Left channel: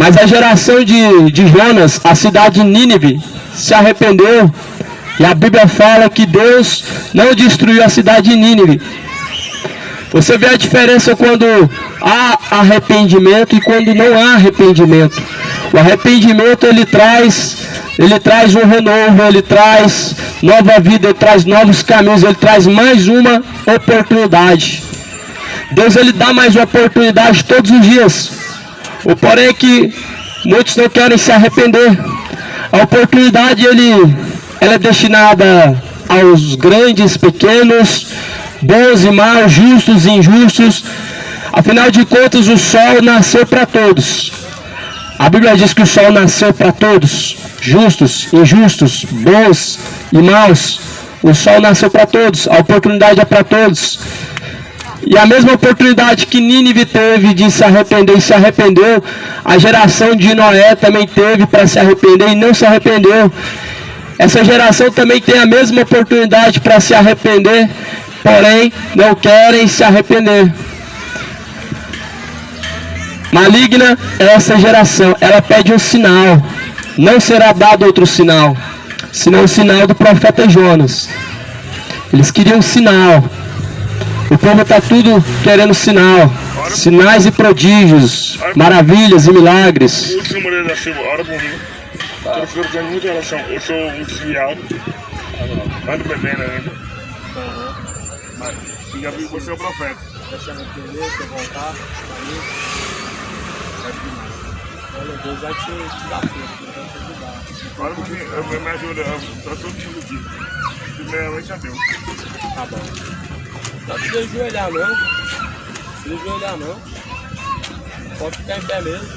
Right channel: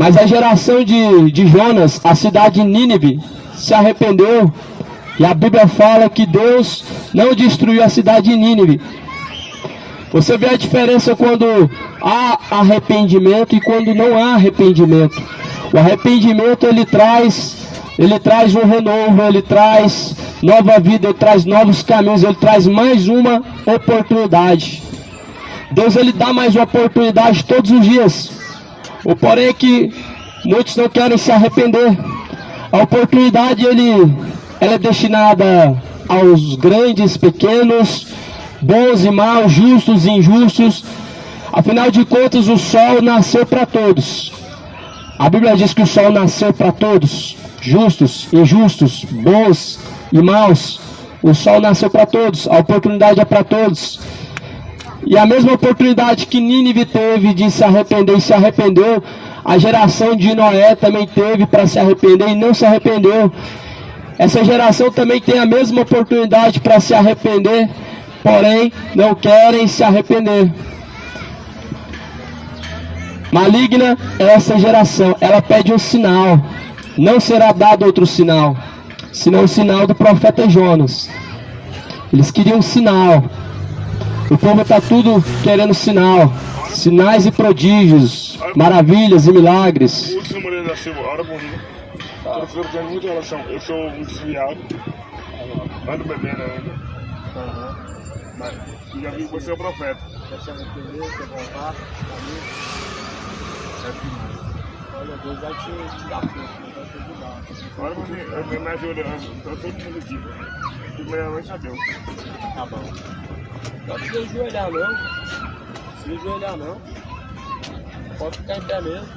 Mas a geração de Jonas, a cidade de Nínive, se arrependeu. E a Bíblia fala que Deus não destruiu a cidade de Nínive. Você vê a diferença quando há arrependimento e quando não há arrependimento. O arrependimento ele traz um renovo, ele traz nova vida, ele traz novos caminhos, ele traz mais uma oportunidade. Deus ele dá mais uma oportunidade todos os dias. O porém é que muitos não querem se arrepender. A oportunidade ela é destinada aos grandes, pequenos, bons e maus, justos e injustos. Afinal de contas, o sol nasceu para todos. A Bíblia diz que o sol nasceu para todos, justos, injustos, bons e maus. O sol nasceu para todos, a oportunidade é para todos. E a mesma oportunidade que Nínive teve de se arrepender e se arrependeu, a geração de Noé também teve para se arrepender e não se arrependeu. Essa geração também tem a mesma oportunidade para se arrepender, porém não querem se arrepender. Maligna é essa geração, ela pede um sinal. Não será dado outro sinal, senão o sinal do profeta Jonas. Eles queriam um sinal. O povo está tudo querendo sinal. Sinais e prodígios, maravilhas e milagres. Eu sou muito fiel. Ando bebendo ainda. E já vi você é o profeta. Deus vai te dar força. Agora me ajuda, tá todo mundo aqui. Primeiramente a Deus. Tá bom. Não precisa ajoelhar não. Não precisa ajoelhar não. Pode ficar em pé mesmo.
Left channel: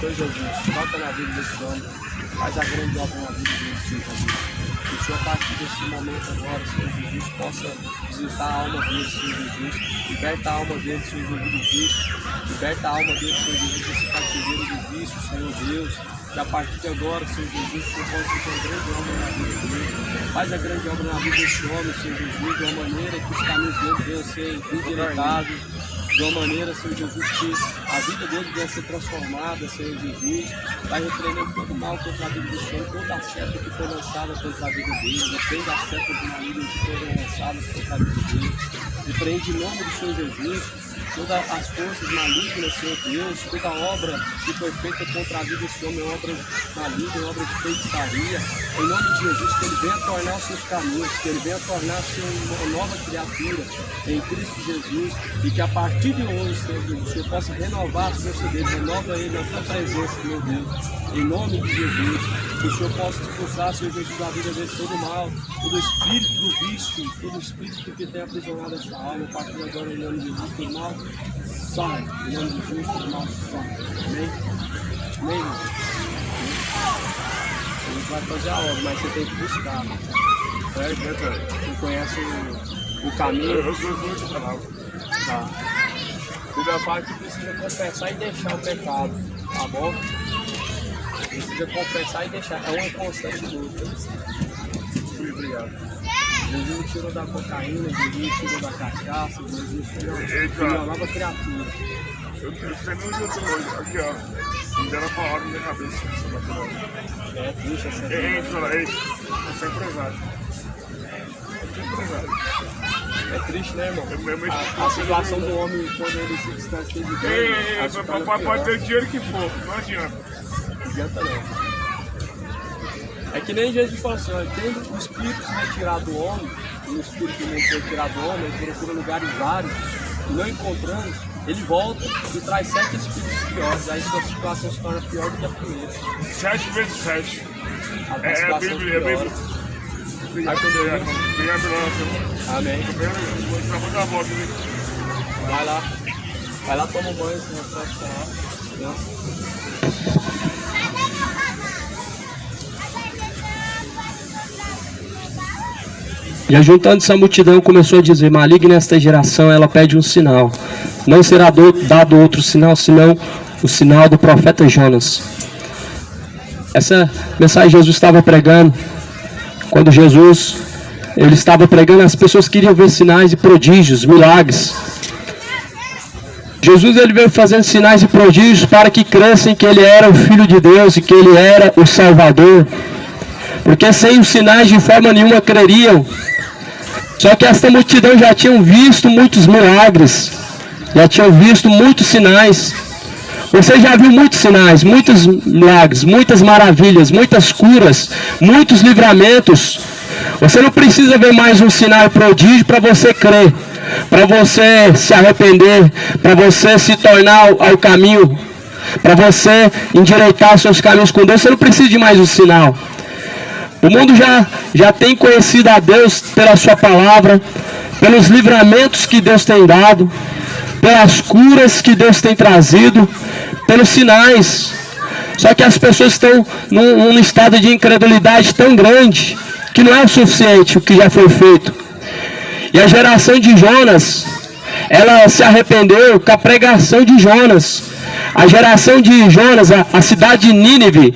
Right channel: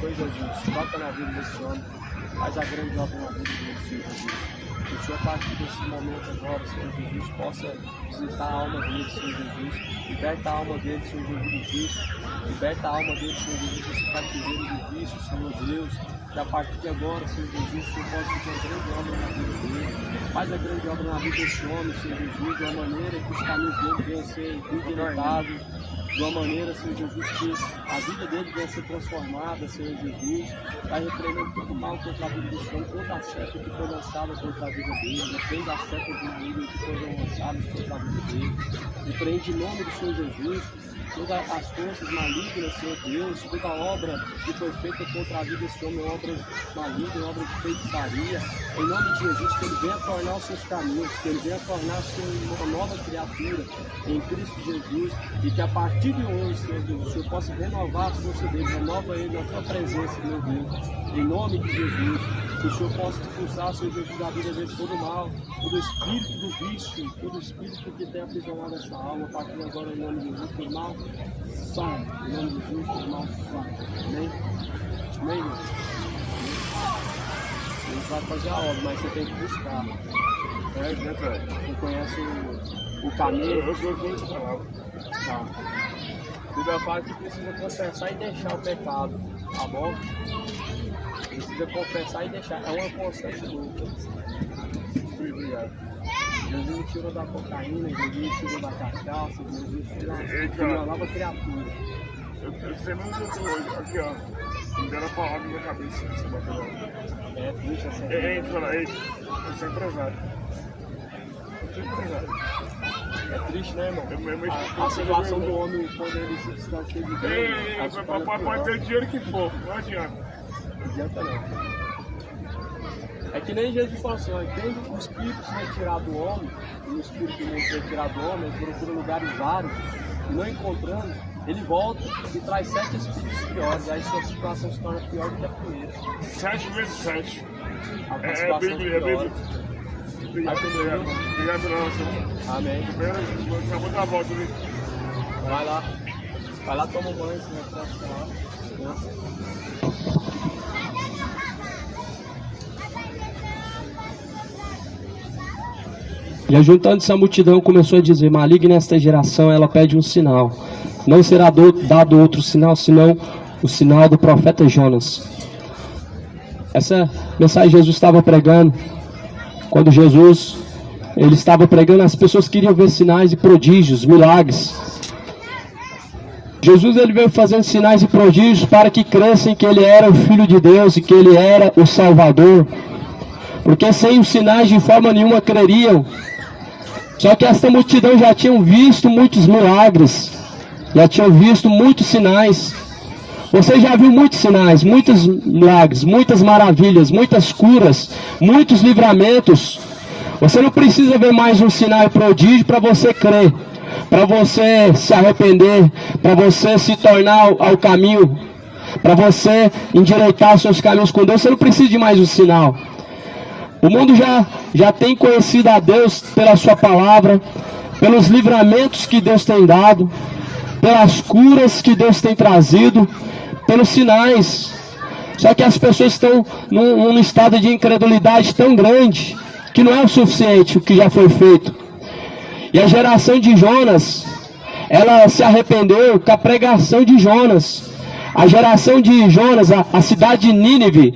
Senhor Jesus, toca na vida desse homem. Faz a grande obra na vida dele, Senhor Jesus. Que o Senhor, a partir desse momento agora, Senhor Jesus, possa visitar a alma dele, Senhor Jesus. Liberta a alma dele, Senhor Jesus, do vício. Liberta a alma dele, Senhor Jesus, desse cativeiro do vício, Senhor Deus. Que a partir de agora, Senhor Jesus, o Senhor possa fazer uma grande obra na vida dele. Faz a grande obra na vida desse homem, Senhor Jesus, de uma maneira que os caminhos dele venham a ser endireitados. De uma maneira, Senhor Jesus, que a vida dele venha a ser transformada, Senhor Jesus. Vai repreendendo todo o mal contra a vida do Senhor, toda a seta que foi lançada contra a vida dele, repreende as setas do marido que foram lançadas contra a vida dele. Repreende em nome do Senhor Jesus todas as forças malignas, Senhor Deus, toda a obra que foi feita contra a vida desse homem, obra maligna, obra de feitiçaria. Em nome de Jesus, que ele venha tornar os seus caminhos, que ele venha tornar-se uma nova criatura em Cristo Jesus, e que a partir de hoje, Senhor Deus, o Senhor possa renovar as forças dele, renova ele na tua presença, meu Deus, em nome de Jesus, que o Senhor possa expulsar, Senhor Jesus, na vida dele todo mal, todo espírito do vício, todo espírito que tem aprisionado essa alma, a partir de agora, em nome de Jesus, todo mal, some, em nome de Jesus, todo mal, some, amém? Amém, irmão? A gente vai fazer a obra, mas você tem que buscar, certo? Você conhece o caminho. Eu vou te falar. Tá. O Bíblia fala que precisa confessar e deixar o pecado, tá bom? Precisa confessar e deixar, é uma constante do outro. Obrigado. Jesus me tirou da cocaína, Jesus me tirou da cachaça, Jesus me tirou uma nova criatura. Eu sei nem onde eu tô hoje, aqui ó, me deram uma palavra na minha cabeça. É triste assim. Ei, fala, ei, eu sou empresário. É triste, né, irmão? A situação do homem quando ele se distancia de Deus. Pode ter o dinheiro que for, não adianta. Não adianta não. É que nem Jesus falou assim, olha, tendo o espírito se retirado do homem, e o espírito não se retirado do homem, ele procura lugares vários, e não encontrando, ele volta e traz 7 espíritos piores, aí sua situação se torna pior do que a primeira. 7 vezes 7. É Bíblia. Obrigado pela oração. Amém. Vou dar a volta ali. Vai lá, toma um banho, se não pode falar. E ajuntando-se a multidão, começou a dizer: maligna esta geração, ela pede um sinal. Não será dado outro sinal, senão o sinal do profeta Jonas. Essa mensagem Jesus estava pregando. Quando Jesus ele estava pregando, as pessoas queriam ver sinais e prodígios, milagres. Jesus ele veio fazendo sinais e prodígios para que crescem que ele era o Filho de Deus e que ele era o Salvador. Porque sem os sinais de forma nenhuma creriam. Só que esta multidão já tinham visto muitos milagres, já tinham visto muitos sinais. Você já viu muitos sinais, muitos milagres, muitas maravilhas, muitas curas, muitos livramentos. Você não precisa ver mais um sinal e prodígio para você crer, para você se arrepender, para você se tornar ao caminho, para você endireitar os seus caminhos com Deus. Você não precisa de mais um sinal. O mundo já tem conhecido a Deus pela sua palavra, pelos livramentos que Deus tem dado, pelas curas que Deus tem trazido, pelos sinais. Só que as pessoas estão num estado de incredulidade tão grande que não é o suficiente o que já foi feito. E a geração de Jonas, ela se arrependeu com a pregação de Jonas. A geração de Jonas, a cidade de Nínive,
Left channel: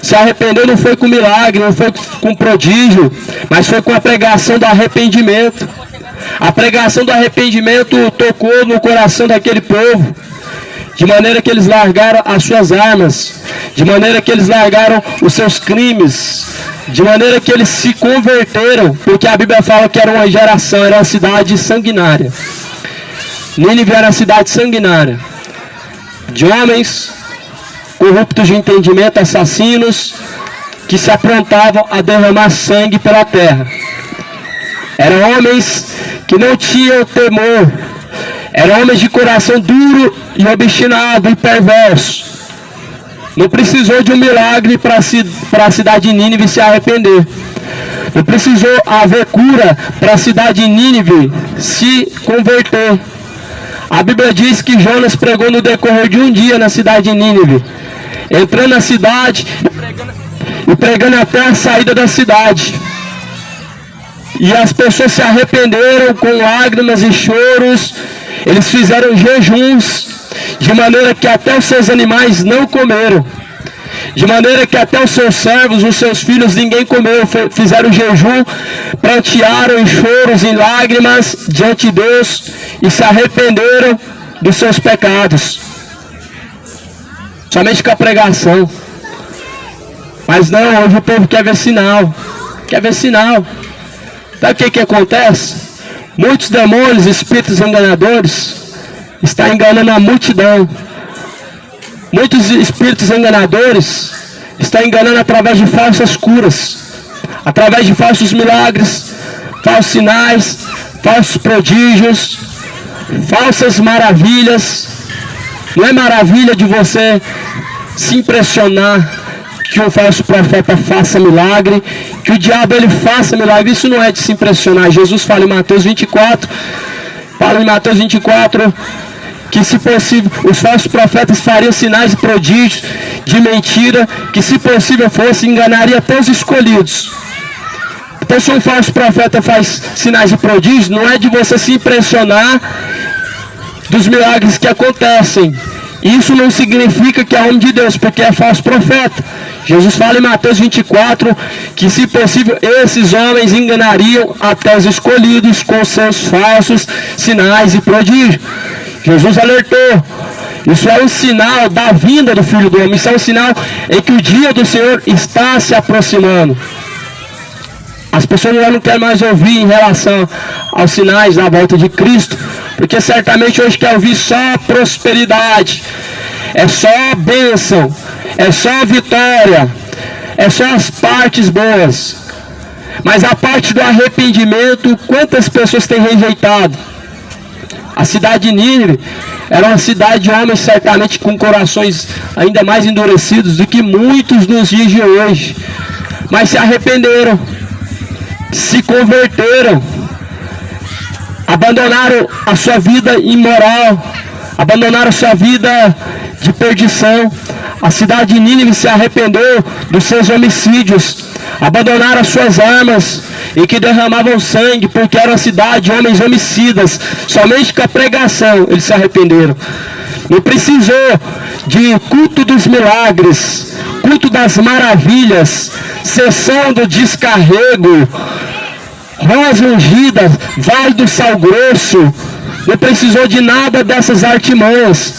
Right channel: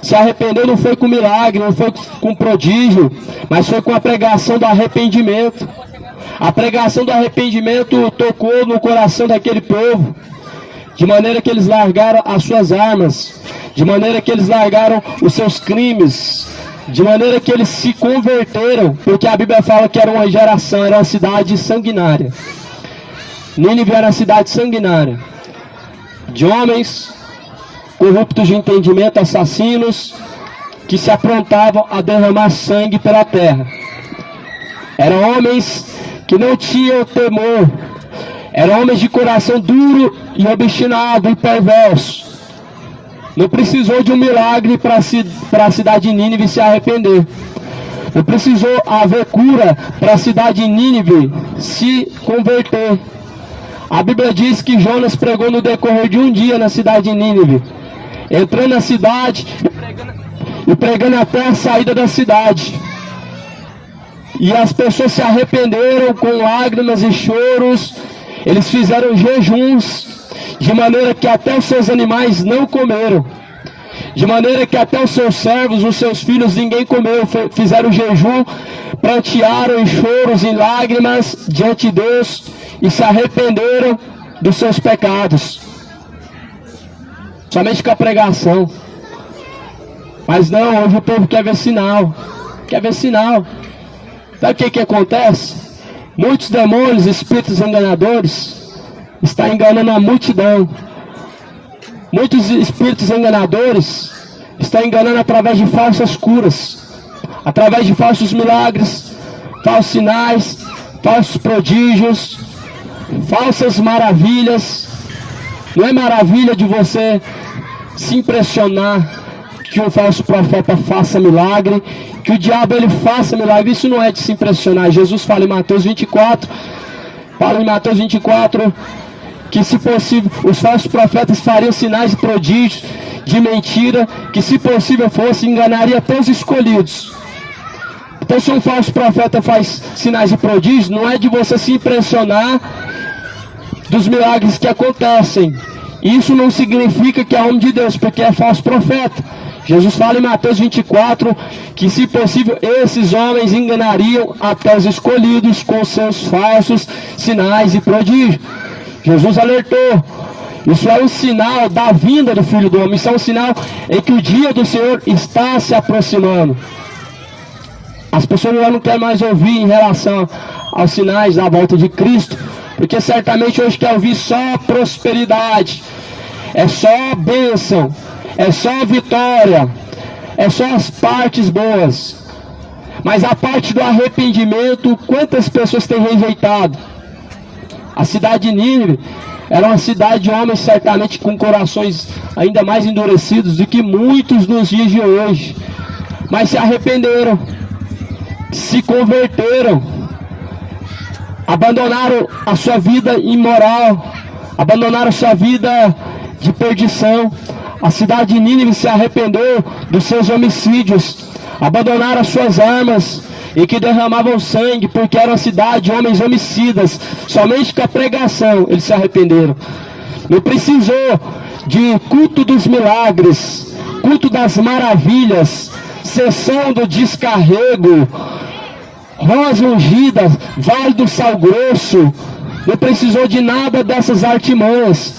se arrependeu não foi com milagre, não foi com prodígio, mas foi com a pregação do arrependimento. A pregação do arrependimento tocou no coração daquele povo, de maneira que eles largaram as suas armas, de maneira que eles largaram os seus crimes, de maneira que eles se converteram, porque a Bíblia fala que era uma geração, era uma cidade sanguinária. Nínive era uma cidade sanguinária, de homens corruptos de entendimento, assassinos, que se aprontavam a derramar sangue pela terra. Eram homens que não tinham temor, eram homens de coração duro e obstinado e perverso. Não precisou de um milagre para a cidade de Nínive se arrepender. Não precisou haver cura para a cidade de Nínive se converter. A Bíblia diz que Jonas pregou no decorrer de um dia na cidade de Nínive, entrando na cidade e pregando até a saída da cidade. E as pessoas se arrependeram com lágrimas e choros. Eles fizeram jejuns, de maneira que até os seus animais não comeram, de maneira que até os seus servos, os seus filhos, ninguém comeu. Fizeram jejum, prantearam em choros, em lágrimas diante de Deus e se arrependeram dos seus pecados, somente com a pregação. Mas não, hoje o povo quer ver sinal, quer ver sinal. Sabe o que acontece? Muitos demônios, espíritos enganadores, estão enganando a multidão. Muitos espíritos enganadores estão enganando através de falsas curas, através de falsos milagres, falsos sinais, falsos prodígios, falsas maravilhas. Não é maravilha de você se impressionar que um falso profeta faça milagre, que o diabo ele faça milagre. Isso não é de se impressionar. Jesus fala em Mateus 24, que se possível, os falsos profetas fariam sinais e prodígios de mentira, que se possível fosse, enganaria até os escolhidos. Então se um falso profeta faz sinais e prodígios, não é de você se impressionar dos milagres que acontecem. Isso não significa que é homem de Deus, porque é falso profeta. Jesus fala em Mateus 24 que, se possível, esses homens enganariam até os escolhidos com seus falsos sinais e prodígios. Jesus alertou. Isso é um sinal da vinda do Filho do Homem. Isso é um sinal em que o dia do Senhor está se aproximando. As pessoas não querem mais ouvir em relação aos sinais da volta de Cristo, porque certamente hoje quer ouvir só prosperidade, é só bênção, é só vitória, é só as partes boas. Mas a parte do arrependimento, quantas pessoas têm rejeitado? A cidade de Nínive era uma cidade de homens certamente com corações ainda mais endurecidos do que muitos nos dias de hoje. Mas se arrependeram, se converteram, abandonaram a sua vida imoral, abandonaram a sua vida de perdição. A cidade de Nínive se arrependeu dos seus homicídios, abandonaram as suas armas e que derramavam sangue, porque era uma cidade de homens homicidas. Somente com a pregação eles se arrependeram. Não precisou de culto dos milagres, culto das maravilhas, sessão do descarrego, rosa ungida, vale do sal grosso. não precisou de nada dessas artimanhas,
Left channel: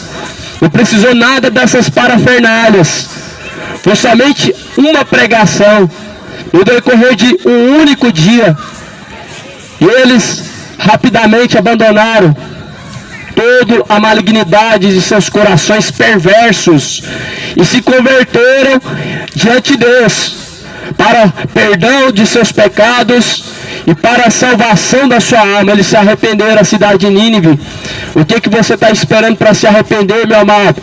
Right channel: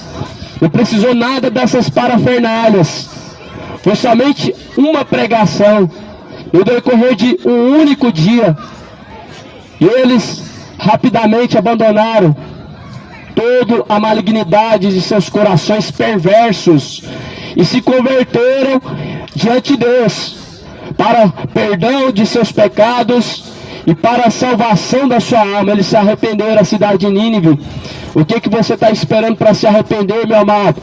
não precisou nada dessas parafernálias. Foi somente uma pregação, no decorrer de um único dia. E eles rapidamente abandonaram toda a malignidade de seus corações perversos e se converteram diante de Deus para perdão de seus pecados e para a salvação da sua alma. Eles se arrependeram, a cidade de Nínive. O que você está esperando para se arrepender, meu amado?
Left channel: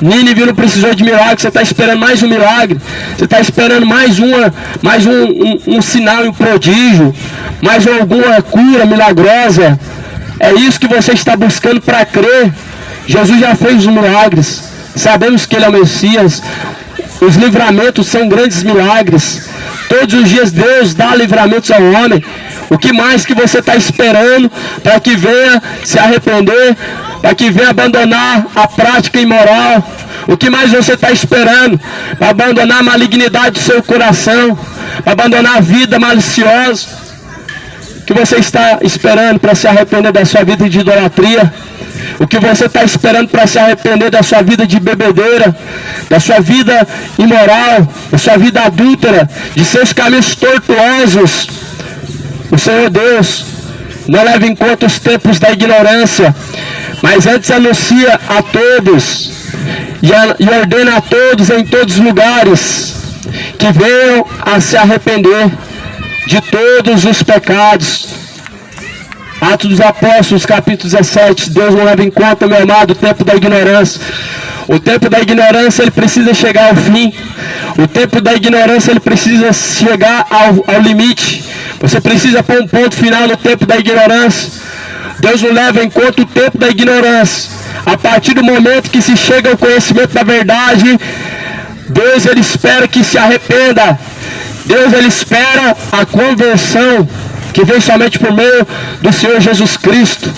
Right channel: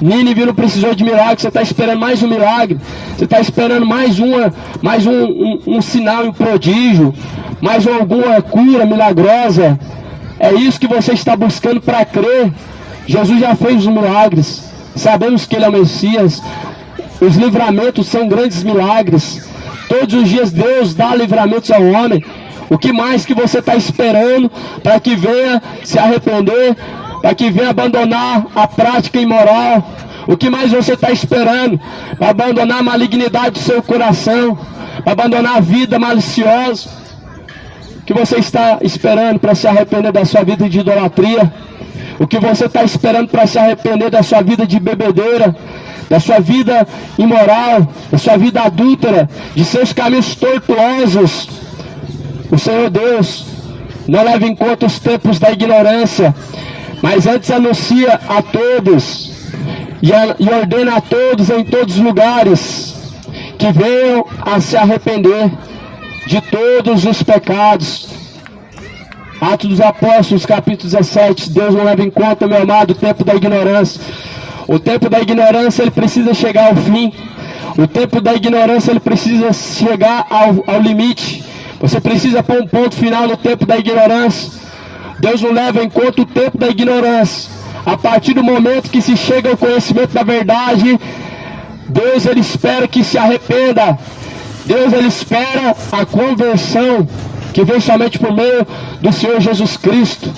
Nínive não precisou de milagre, você está esperando mais um milagre, você está esperando mais um sinal, um prodígio, mais alguma cura milagrosa. É isso que você está buscando para crer. Jesus já fez os milagres, sabemos que Ele é o Messias. Os livramentos são grandes milagres. Todos os dias Deus dá livramentos ao homem. O que mais que você está esperando para que venha se arrepender, para que venha abandonar a prática imoral? O que mais você está esperando para abandonar a malignidade do seu coração, para abandonar a vida maliciosa? O que você está esperando para se arrepender da sua vida de idolatria? O que você está esperando para se arrepender da sua vida de bebedeira, da sua vida imoral, da sua vida adúltera, de seus caminhos tortuosos? O Senhor Deus não leva em conta os tempos da ignorância, mas antes anuncia a todos e ordena a todos em todos os lugares que venham a se arrepender de todos os pecados. Atos dos Apóstolos, capítulo 17. Deus não leva em conta, meu amado, o tempo da ignorância. O tempo da ignorância, ele precisa chegar ao fim. O tempo da ignorância, ele precisa chegar ao limite. Você precisa pôr um ponto final no tempo da ignorância. Deus não leva em conta o tempo da ignorância. A partir do momento que se chega ao conhecimento da verdade, Deus, ele espera que se arrependa. Deus, ele espera a conversão, que vem somente por meio do Senhor Jesus Cristo.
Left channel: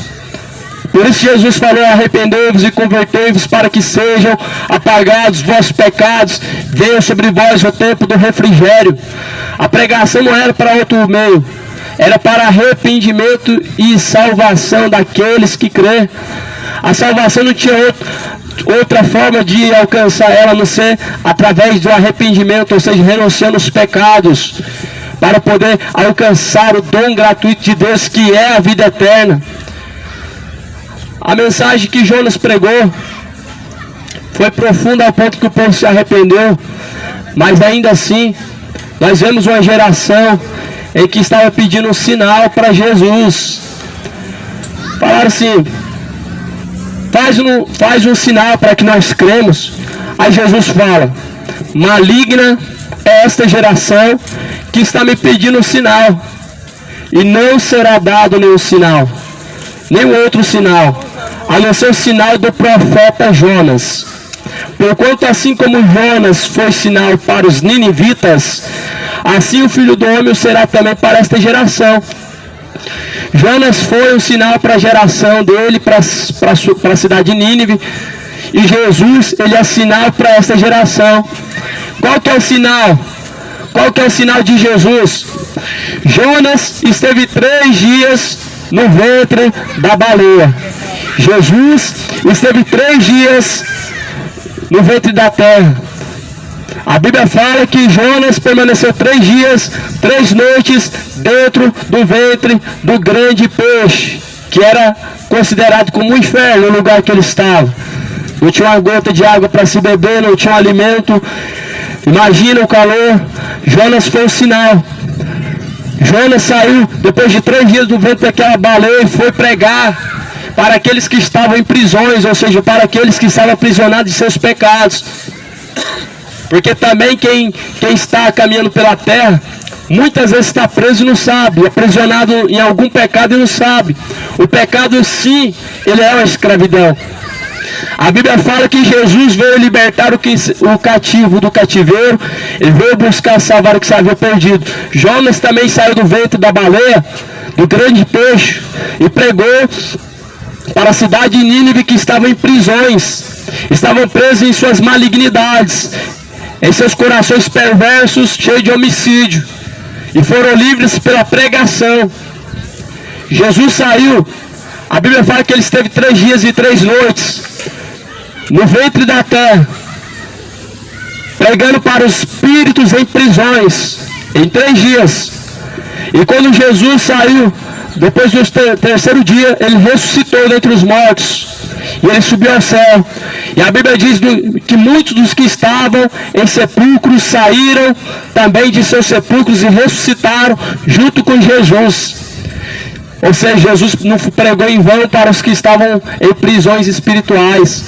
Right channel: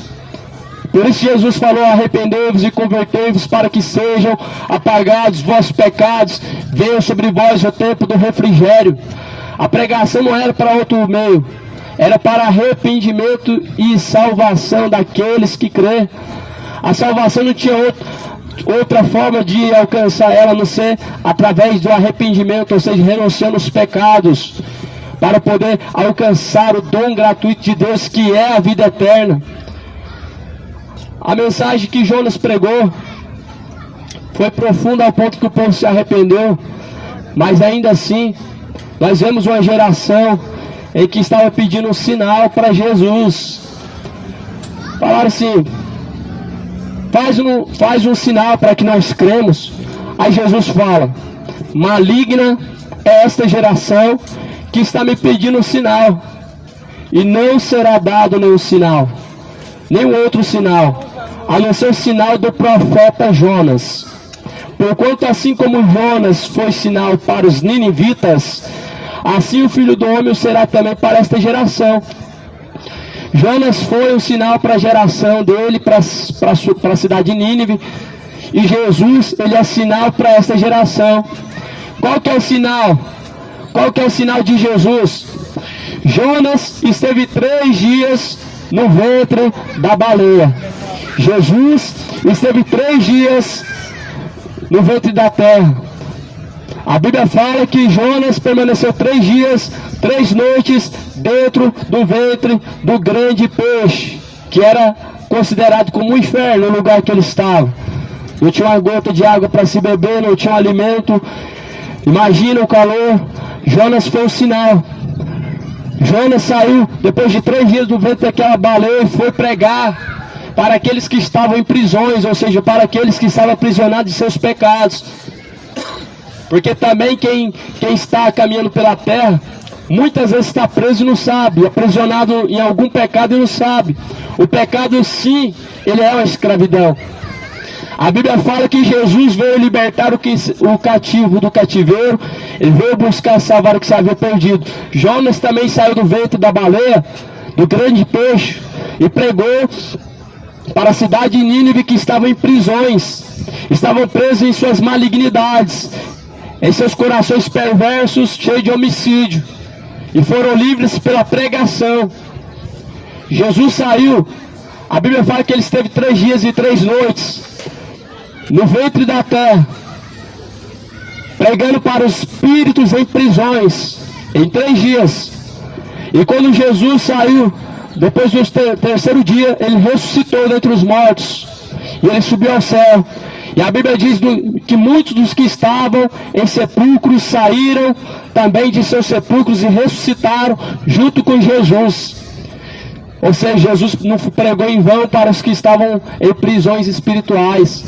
Por isso Jesus falou: arrependei-vos e convertei-vos para que sejam apagados vossos pecados, venha sobre vós o tempo do refrigério. A pregação não era para outro meio, era para arrependimento e salvação daqueles que crê. A salvação não tinha outra forma de alcançar ela, a não ser através do arrependimento, ou seja, renunciando os pecados, para poder alcançar o dom gratuito de Deus, que é a vida eterna. A mensagem que Jonas pregou foi profunda ao ponto que o povo se arrependeu, mas ainda assim nós vemos uma geração em que estava pedindo um sinal para Jesus. Falaram assim: faz um sinal para que nós cremos. Aí Jesus fala: maligna é esta geração que está me pedindo um sinal, e não será dado nenhum sinal, nenhum outro sinal, a não ser o sinal do profeta Jonas. Porquanto assim como Jonas foi sinal para os ninivitas, assim o Filho do Homem será também para esta geração. Jonas foi um sinal para a geração dele, para a cidade de Nínive, e Jesus, ele é sinal para esta geração. Qual que é o sinal? Qual que é o sinal de Jesus? Jonas esteve 3 dias no ventre da baleia. Jesus esteve 3 dias no ventre da terra. A Bíblia fala que Jonas permaneceu 3 dias, 3 noites dentro do ventre do grande peixe, que era considerado como um inferno o lugar que ele estava. Não tinha uma gota de água para se beber, não tinha um alimento. Imagina o calor. Jonas foi o sinal. Jonas saiu depois de 3 dias do ventre daquela baleia e foi pregar para aqueles que estavam em prisões, ou seja, para aqueles que estavam aprisionados de seus pecados. Porque também quem está caminhando pela terra, muitas vezes está preso e não sabe, aprisionado em algum pecado e não sabe. O pecado, sim, ele é uma escravidão. A Bíblia fala que Jesus veio libertar o cativo do cativeiro, ele veio buscar salvar o que se havia perdido. Jonas também saiu do ventre da baleia, do grande peixe, e pregou para a cidade de Nínive, que estavam em prisões, estavam presos em suas malignidades, em seus corações perversos, cheios de homicídio, e foram livres pela pregação. Jesus saiu A Bíblia fala que ele esteve 3 dias e 3 noites no ventre da terra, pregando para os espíritos em prisões, em 3 dias. E quando Jesus saiu, depois do terceiro dia, ele ressuscitou dentre os mortos, e ele subiu ao céu. E a Bíblia diz que muitos dos que estavam em sepulcros saíram também de seus sepulcros e ressuscitaram junto com Jesus. Ou seja, Jesus não pregou em vão para os que estavam em prisões espirituais.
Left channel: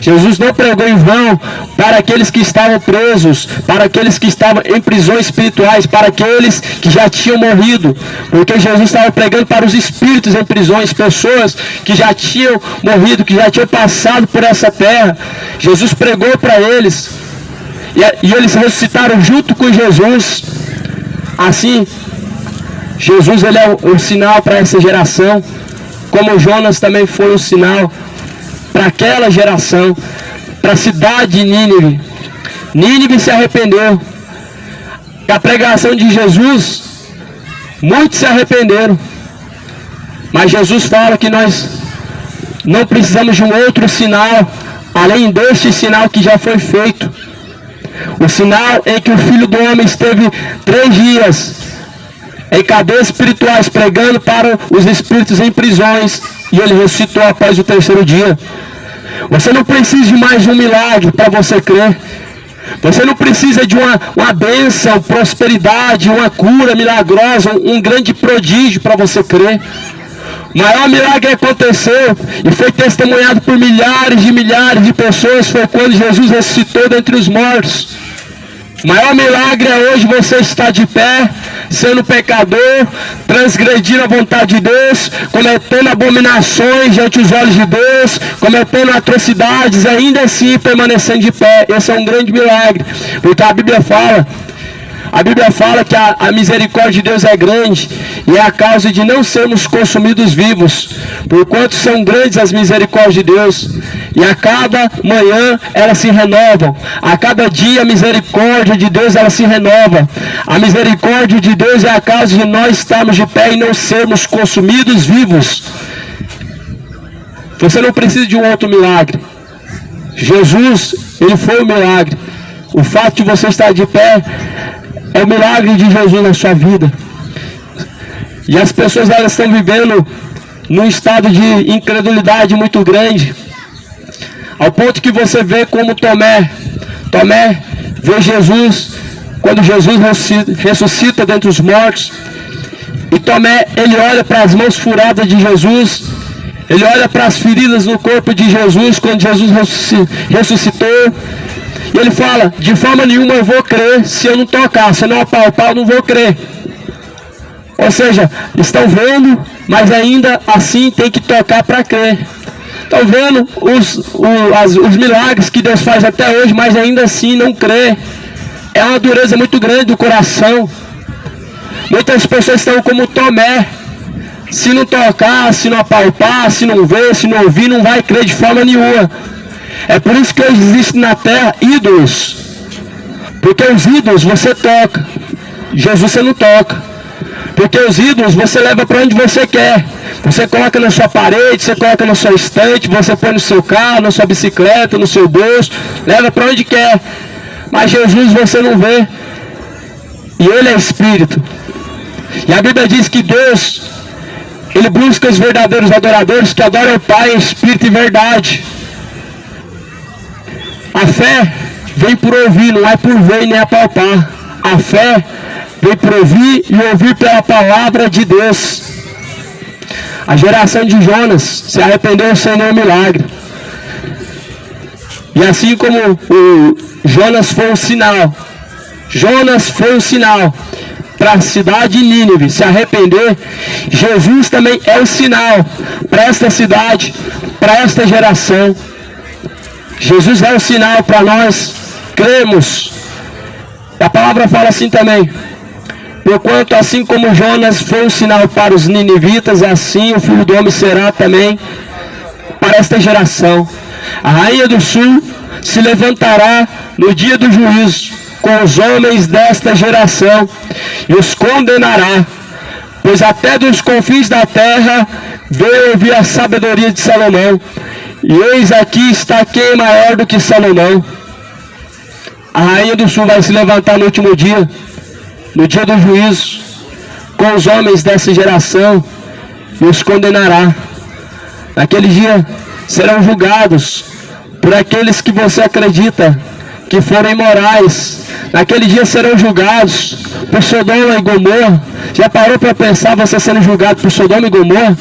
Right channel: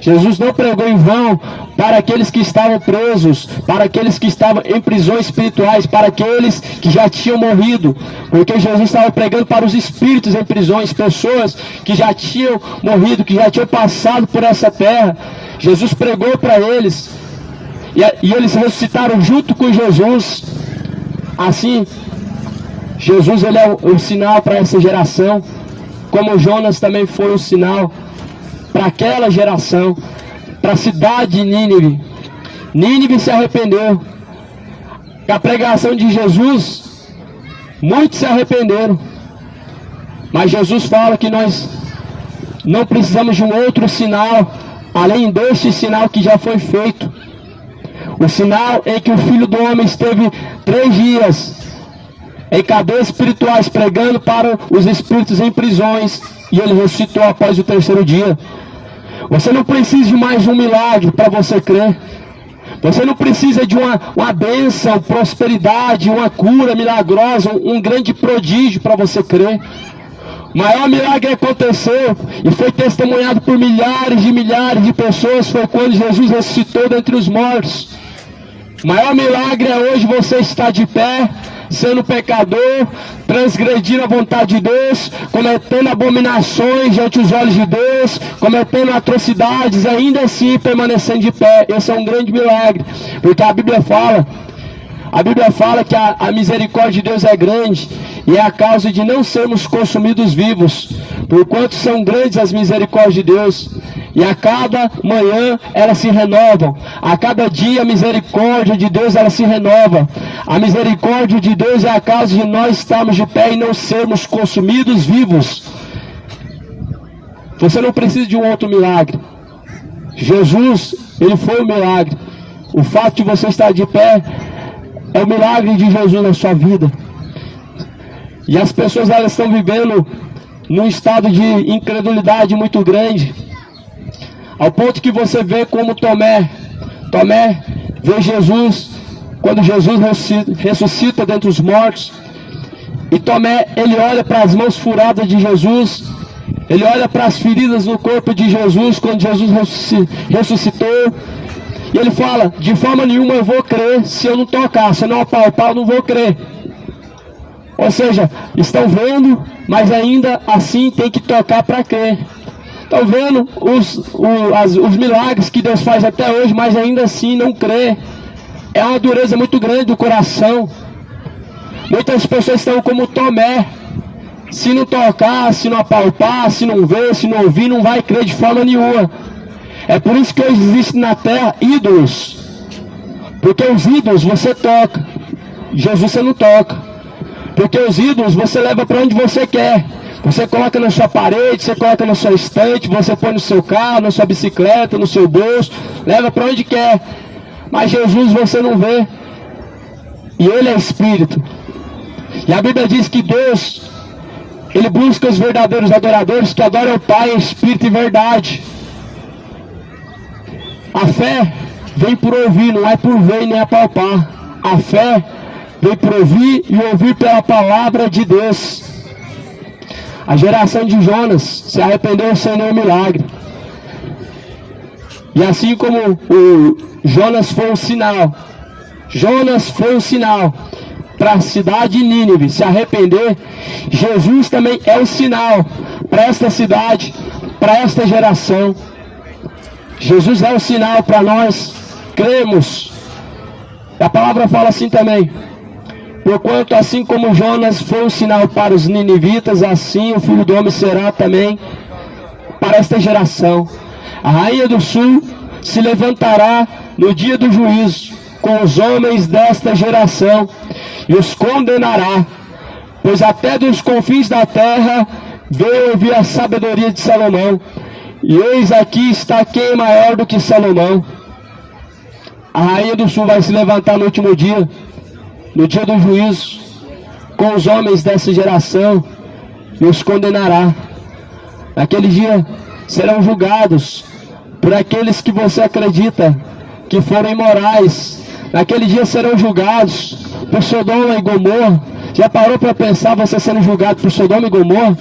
Jesus não pregou em vão para aqueles que estavam presos, para aqueles que estavam em prisões espirituais, para aqueles que já tinham morrido. Porque Jesus estava pregando para os espíritos em prisões, pessoas que já tinham morrido, que já tinham passado por essa terra. Jesus pregou para eles. E eles ressuscitaram junto com Jesus. Assim, Jesus ele é um sinal para essa geração, como Jonas também foi um sinal para aquela geração, para a cidade de Nínive. Nínive se arrependeu. Da pregação de Jesus, muitos se arrependeram. Mas Jesus fala que nós não precisamos de um outro sinal, além deste sinal que já foi feito. O sinal em que o Filho do Homem esteve 3 dias em cadeias espirituais, pregando para os espíritos em prisões, e ele ressuscitou após o 3º dia. Você não precisa de mais um milagre para você crer. Você não precisa de uma bênção, prosperidade, uma cura milagrosa, um grande prodígio para você crer. O maior milagre aconteceu e foi testemunhado por milhares de pessoas, foi quando Jesus ressuscitou dentre os mortos. O maior milagre é hoje você estar de pé, sendo pecador, transgredindo a vontade de Deus, cometendo abominações diante dos olhos de Deus, cometendo atrocidades, ainda assim permanecendo de pé. Esse é um grande milagre, porque a Bíblia fala que a misericórdia de Deus é grande, e é a causa de não sermos consumidos vivos, porquanto são grandes as misericórdias de Deus, e a cada manhã elas se renovam, a cada dia a misericórdia de Deus ela se renova. A misericórdia de Deus é a causa de nós estarmos de pé e não sermos consumidos vivos. Você não precisa de um outro milagre. Jesus, ele foi o milagre. O fato de você estar de pé é o milagre de Jesus na sua vida. E as pessoas elas estão vivendo num estado de incredulidade muito grande, ao ponto que você vê como Tomé vê Jesus, quando Jesus ressuscita dentre os mortos, e Tomé, ele olha para as mãos furadas de Jesus, ele olha para as feridas no corpo de Jesus, quando Jesus ressuscitou, e ele fala, de forma nenhuma eu vou crer, se eu não tocar, se eu não apalpar, eu não vou crer. Ou seja, estão vendo, mas ainda assim tem que tocar para crer. Estão vendo os milagres que Deus faz até hoje, mas ainda assim não crê. É uma dureza muito grande do coração. Muitas pessoas estão como Tomé. Se não tocar, se não apalpar, se não ver, se não ouvir, não vai crer de forma nenhuma. É por isso que hoje existem na terra ídolos. Porque os ídolos você toca, Jesus você não toca. Porque os ídolos você leva para onde você quer. Você coloca na sua parede, você coloca na sua estante, você põe no seu carro, na sua bicicleta, no seu bolso, leva para onde quer. Mas Jesus você não vê. E Ele é Espírito. E a Bíblia diz que Deus, Ele busca os verdadeiros adoradores que adoram o Pai em Espírito e verdade. A fé vem por ouvir, não é por ver nem apalpar. A fé vem por ouvir e ouvir pela palavra de Deus. A geração de Jonas se arrependeu sem nenhum milagre. E assim como o Jonas foi um sinal, Jonas foi um sinal para a cidade de Nínive se arrepender, Jesus também é um sinal para esta cidade, para esta geração. Jesus é um sinal para nós cremos. A palavra fala assim também: porquanto assim como Jonas foi um sinal para os ninivitas, assim o Filho do Homem será também para esta geração. A rainha do sul se levantará no dia do juízo com os homens desta geração e os condenará, pois até dos confins da terra veio ouvir a sabedoria de Salomão. E eis aqui está quem maior do que Salomão. A rainha do sul vai se levantar no último dia, no dia do juízo, com os homens dessa geração, e os condenará. Naquele dia serão julgados por aqueles que você acredita que foram imorais. Naquele dia serão julgados por Sodoma e Gomorra. Já parou para pensar você sendo julgado por Sodoma e Gomorra?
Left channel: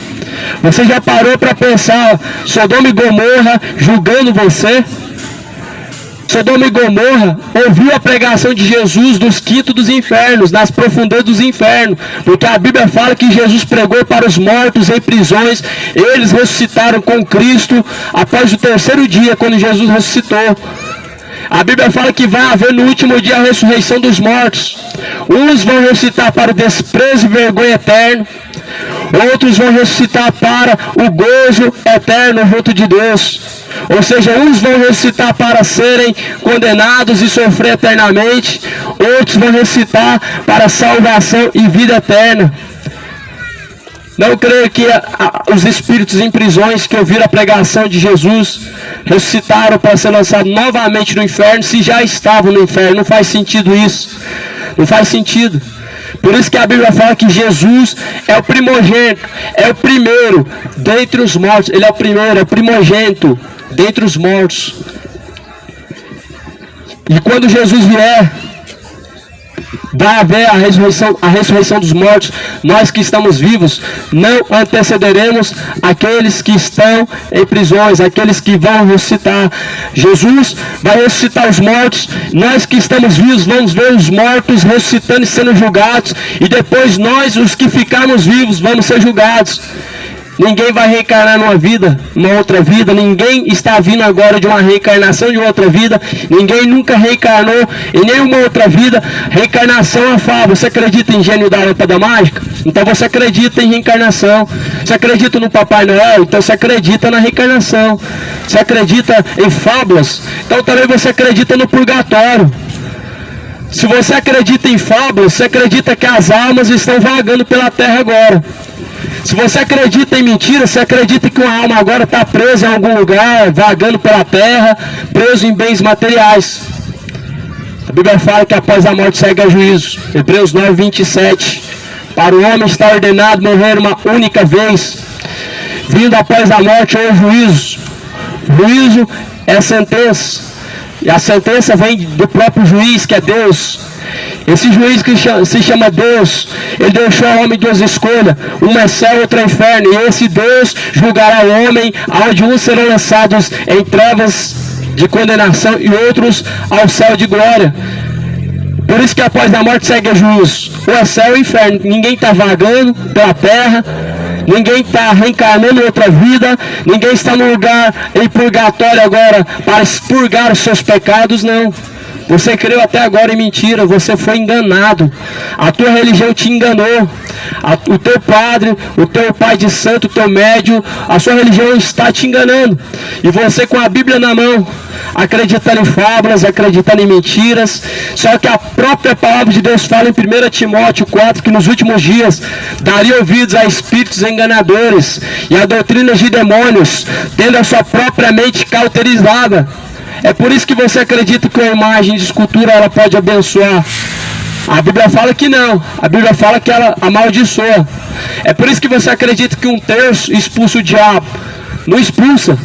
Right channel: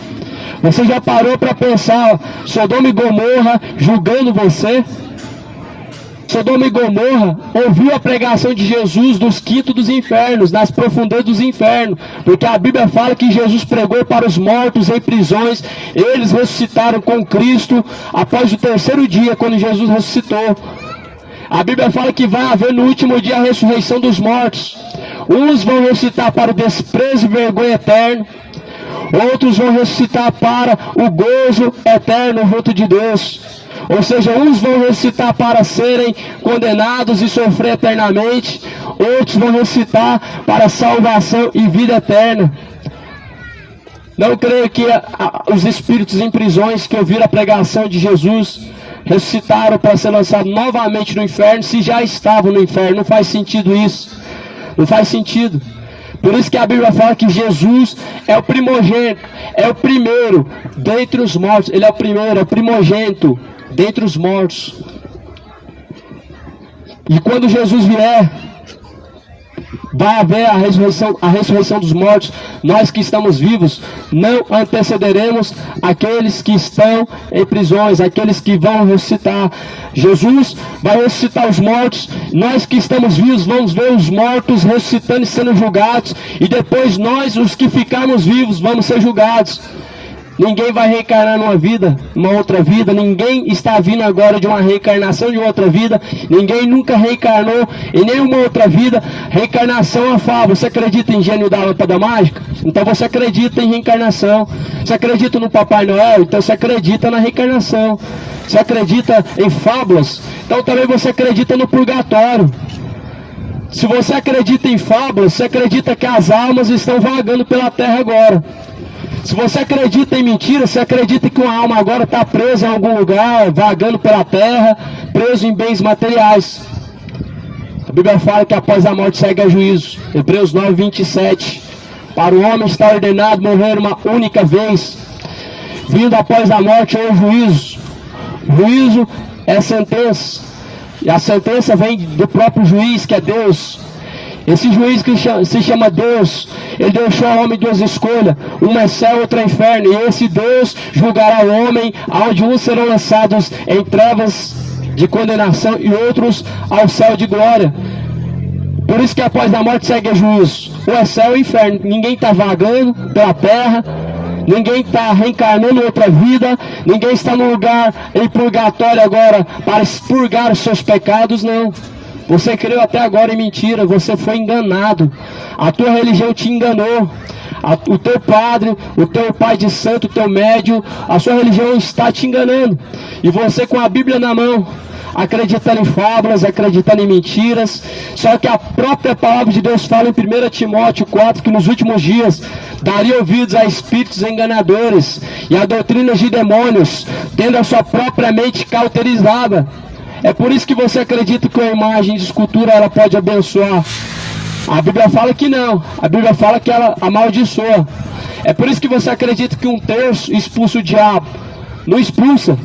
Você já parou para pensar Sodoma e Gomorra julgando você? Sodoma e Gomorra ouviu a pregação de Jesus dos quintos dos infernos, nas profundezas dos infernos, porque a Bíblia fala que Jesus pregou para os mortos em prisões. Eles ressuscitaram com Cristo após o terceiro dia, quando Jesus ressuscitou. A Bíblia fala que vai haver no último dia a ressurreição dos mortos. Uns vão ressuscitar para o desprezo e vergonha eterno, outros vão ressuscitar para o gozo eterno junto de Deus. Ou seja, uns vão ressuscitar para serem condenados e sofrer eternamente, outros vão ressuscitar para salvação e vida eterna. Não creio que os espíritos em prisões que ouviram a pregação de Jesus ressuscitaram para ser lançados novamente no inferno, se já estavam no inferno. Não faz sentido isso. Não faz sentido. Por isso que a Bíblia fala que Jesus é o primogênito, é o primeiro dentre os mortos. Ele é o primeiro, é o primogênito dentre os mortos. E quando Jesus vier, vai haver a ressurreição dos mortos. Nós que estamos vivos não antecederemos aqueles que estão em prisões, aqueles que vão ressuscitar. Jesus vai ressuscitar os mortos. Nós que estamos vivos vamos ver os mortos ressuscitando e sendo julgados, e depois nós, os que ficarmos vivos, vamos ser julgados. Ninguém vai reencarnar numa vida, numa outra vida. Ninguém está vindo agora de uma reencarnação de outra vida. Ninguém nunca reencarnou em nenhuma outra vida. Reencarnação é uma fábula. Você acredita em gênio da lâmpada mágica? Então você acredita em reencarnação. Você acredita no Papai Noel? Então você acredita na reencarnação. Você acredita em fábulas? Então também você acredita no purgatório. Se você acredita em fábulas, você acredita que as almas estão vagando pela terra agora. Se você acredita em mentira, você acredita que uma alma agora está presa em algum lugar, vagando pela terra, preso em bens materiais. A Bíblia fala que após a morte segue a juízo. Hebreus 9, 27. Para o homem está ordenado morrer uma única vez, vindo após a morte é o juízo. O juízo é a sentença, e a sentença vem do próprio juiz, que é Deus. Esse juiz que se chama Deus, ele deixou ao homem duas escolhas, uma é céu, outra é inferno, e esse Deus julgará o homem, onde uns serão lançados em trevas de condenação e outros ao céu de glória. Por isso que após a morte segue o juízo, ou é céu ou inferno. Ninguém está vagando pela terra, ninguém está reencarnando em outra vida, ninguém está no lugar em purgatório agora para expurgar os seus pecados, não. Você creu até agora em mentira, você foi enganado. A tua religião te enganou. O teu padre, o teu pai de santo, o teu médium, a sua religião está te enganando. E você com a Bíblia na mão, acreditando em fábulas, acreditando em mentiras. Só que a própria palavra de Deus fala em 1 Timóteo 4 que nos últimos dias daria ouvidos a espíritos enganadores e a doutrinas de demônios, tendo a sua própria mente cauterizada. É por isso que você acredita que a imagem de escultura ela pode abençoar. A Bíblia fala que não. A Bíblia fala que ela amaldiçoa. É por isso que você acredita que um terço expulsa o diabo. Não expulsa.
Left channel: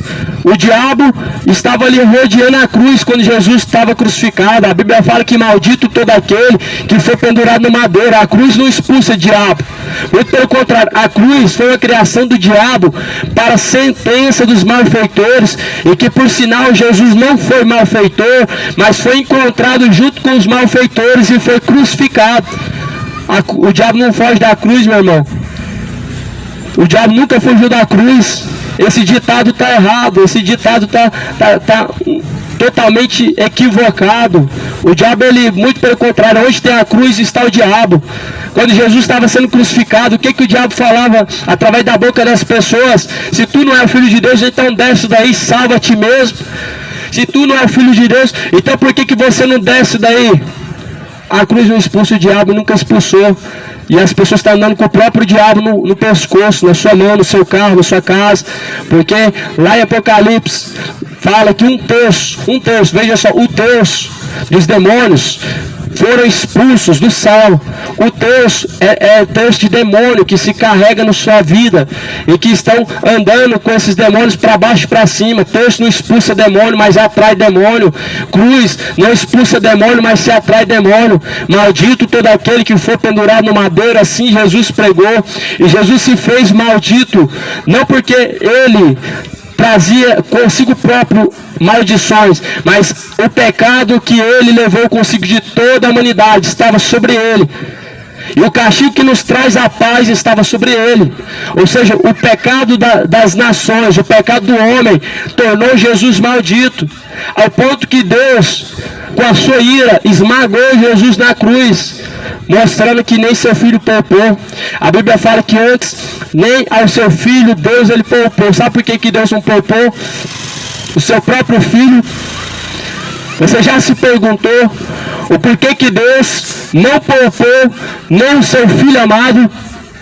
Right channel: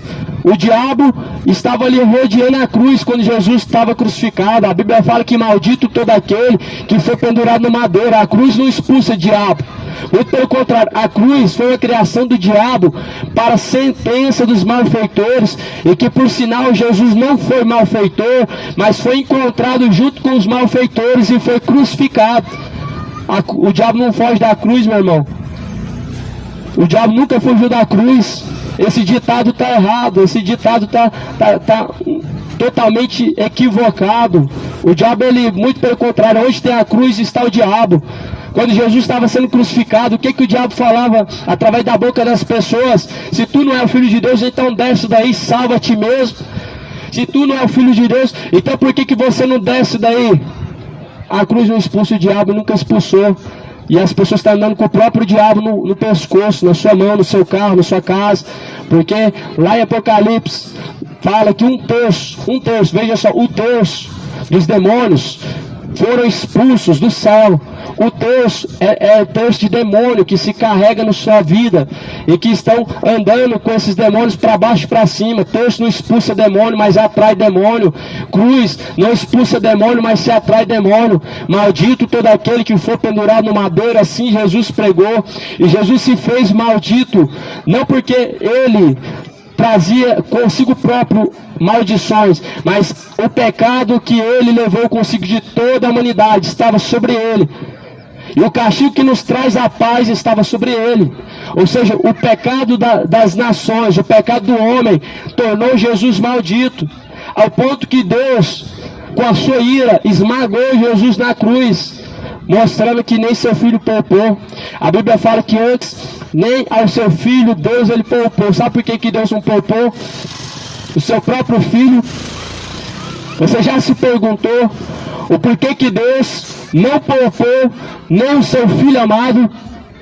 O diabo estava ali rodeando a cruz quando Jesus estava crucificado. A Bíblia fala que maldito todo aquele que foi pendurado no madeiro. A cruz não expulsa o diabo. Muito pelo contrário, a cruz foi uma criação do diabo para a sentença dos malfeitores, e que por sinal Jesus não foi malfeitor, mas foi encontrado junto com os malfeitores e foi crucificado. O diabo não foge da cruz, meu irmão. O diabo nunca fugiu da cruz. Esse ditado está errado, esse ditado está totalmente equivocado. O diabo, ele, muito pelo contrário, onde tem a cruz está o diabo. Quando Jesus estava sendo crucificado, o que o diabo falava através da boca das pessoas? Se tu não é o filho de Deus, então desce daí, salva a ti mesmo. Se tu não é o filho de Deus, então por que você não desce daí? A cruz não expulsa o diabo, nunca expulsou. E as pessoas estão andando com o próprio diabo no pescoço, na sua mão, no seu carro, na sua casa. Porque lá em Apocalipse fala que um terço, veja só, o terço dos demônios foram expulsos do céu. O terço é terço de demônio que se carrega na sua vida e que estão andando com esses demônios para baixo e para cima. Terço não expulsa demônio, mas atrai demônio. Cruz não expulsa demônio, mas se atrai demônio. Maldito todo aquele que for pendurado no madeiro, assim Jesus pregou. E Jesus se fez maldito, não porque ele trazia consigo próprio maldições, mas o pecado que ele levou consigo de toda a humanidade estava sobre ele. E o castigo que nos traz a paz estava sobre ele. Ou seja, o pecado das nações, o pecado do homem, tornou Jesus maldito. Ao ponto que Deus, com a sua ira, esmagou Jesus na cruz, mostrando que nem seu filho poupou. A Bíblia fala que antes, nem ao seu filho, Deus ele poupou. Sabe por que Deus não poupou o seu próprio filho? Você já se perguntou o porquê que Deus não poupou nem o seu filho amado?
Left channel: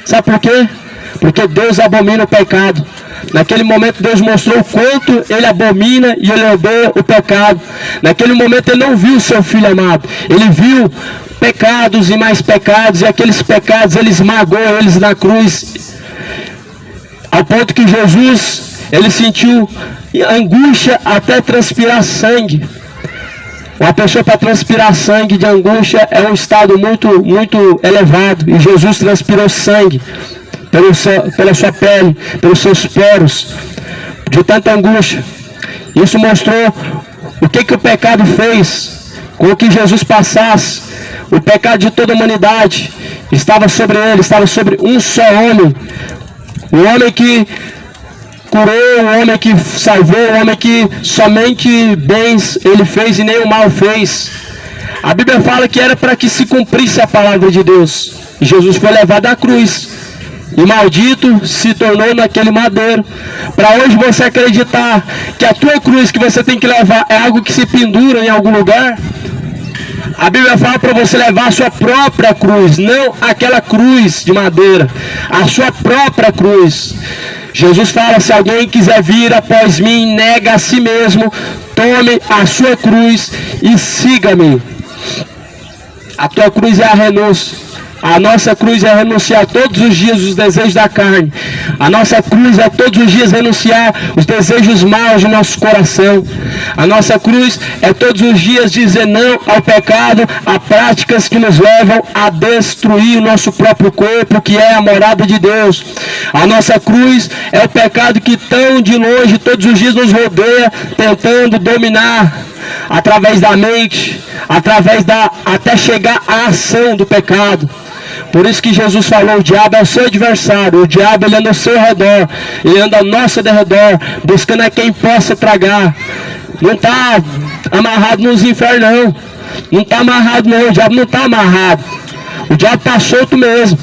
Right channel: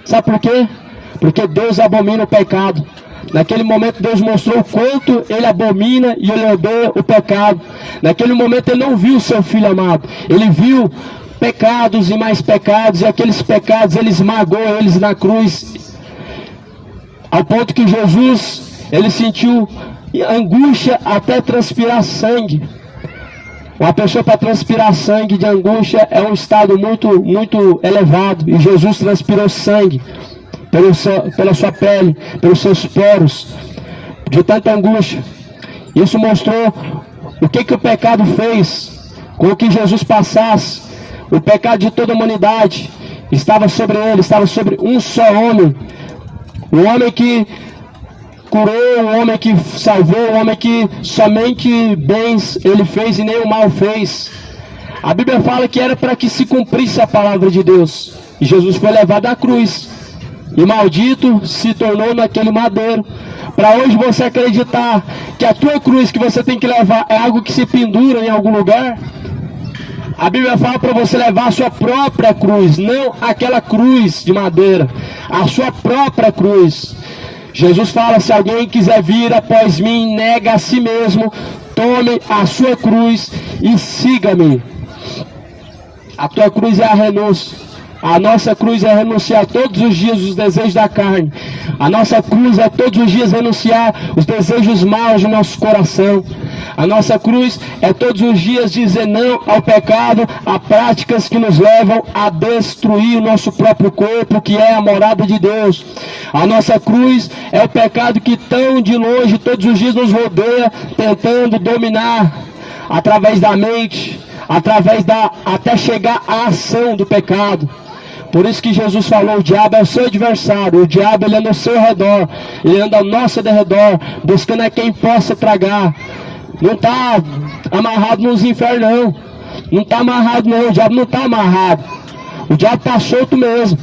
Sabe por quê? Porque Deus abomina o pecado. Naquele momento Deus mostrou o quanto ele abomina e ele odeia o pecado. Naquele momento ele não viu o seu filho amado, ele viu pecados e mais pecados, e aqueles pecados ele esmagou eles na cruz, ao ponto que Jesus ele sentiu angústia até transpirar sangue. Uma pessoa para transpirar sangue de angústia é um estado muito elevado, e Jesus transpirou sangue pela sua pele, pelos seus poros, de tanta angústia. Isso mostrou o que o pecado fez com que Jesus passasse. O pecado de toda a humanidade estava sobre ele, estava sobre um só homem. O homem que curou, o homem que salvou, o homem que somente bens ele fez e nem o mal fez. A Bíblia fala que era para que se cumprisse a palavra de Deus. E Jesus foi levado à cruz. E maldito se tornou naquele madeiro. Para hoje você acreditar que a tua cruz que você tem que levar é algo que se pendura em algum lugar? A Bíblia fala para você levar a sua própria cruz, não aquela cruz de madeira, a sua própria cruz. Jesus fala: se alguém quiser vir após mim, nega a si mesmo, tome a sua cruz e siga-me. A tua cruz é a renúncia. A nossa cruz é renunciar todos os dias os desejos da carne. A nossa cruz é todos os dias renunciar os desejos maus do nosso coração. A nossa cruz é todos os dias dizer não ao pecado, a práticas que nos levam a destruir o nosso próprio corpo, que é a morada de Deus. A nossa cruz é o pecado que tão de longe todos os dias nos rodeia, tentando dominar através da mente, até chegar à ação do pecado. Por isso que Jesus falou: o diabo é o seu adversário, o diabo ele anda ao seu redor, ele anda ao nosso redor, buscando a quem possa tragar. Não está amarrado nos infernos, não está amarrado não, o diabo não está amarrado, o diabo está solto mesmo,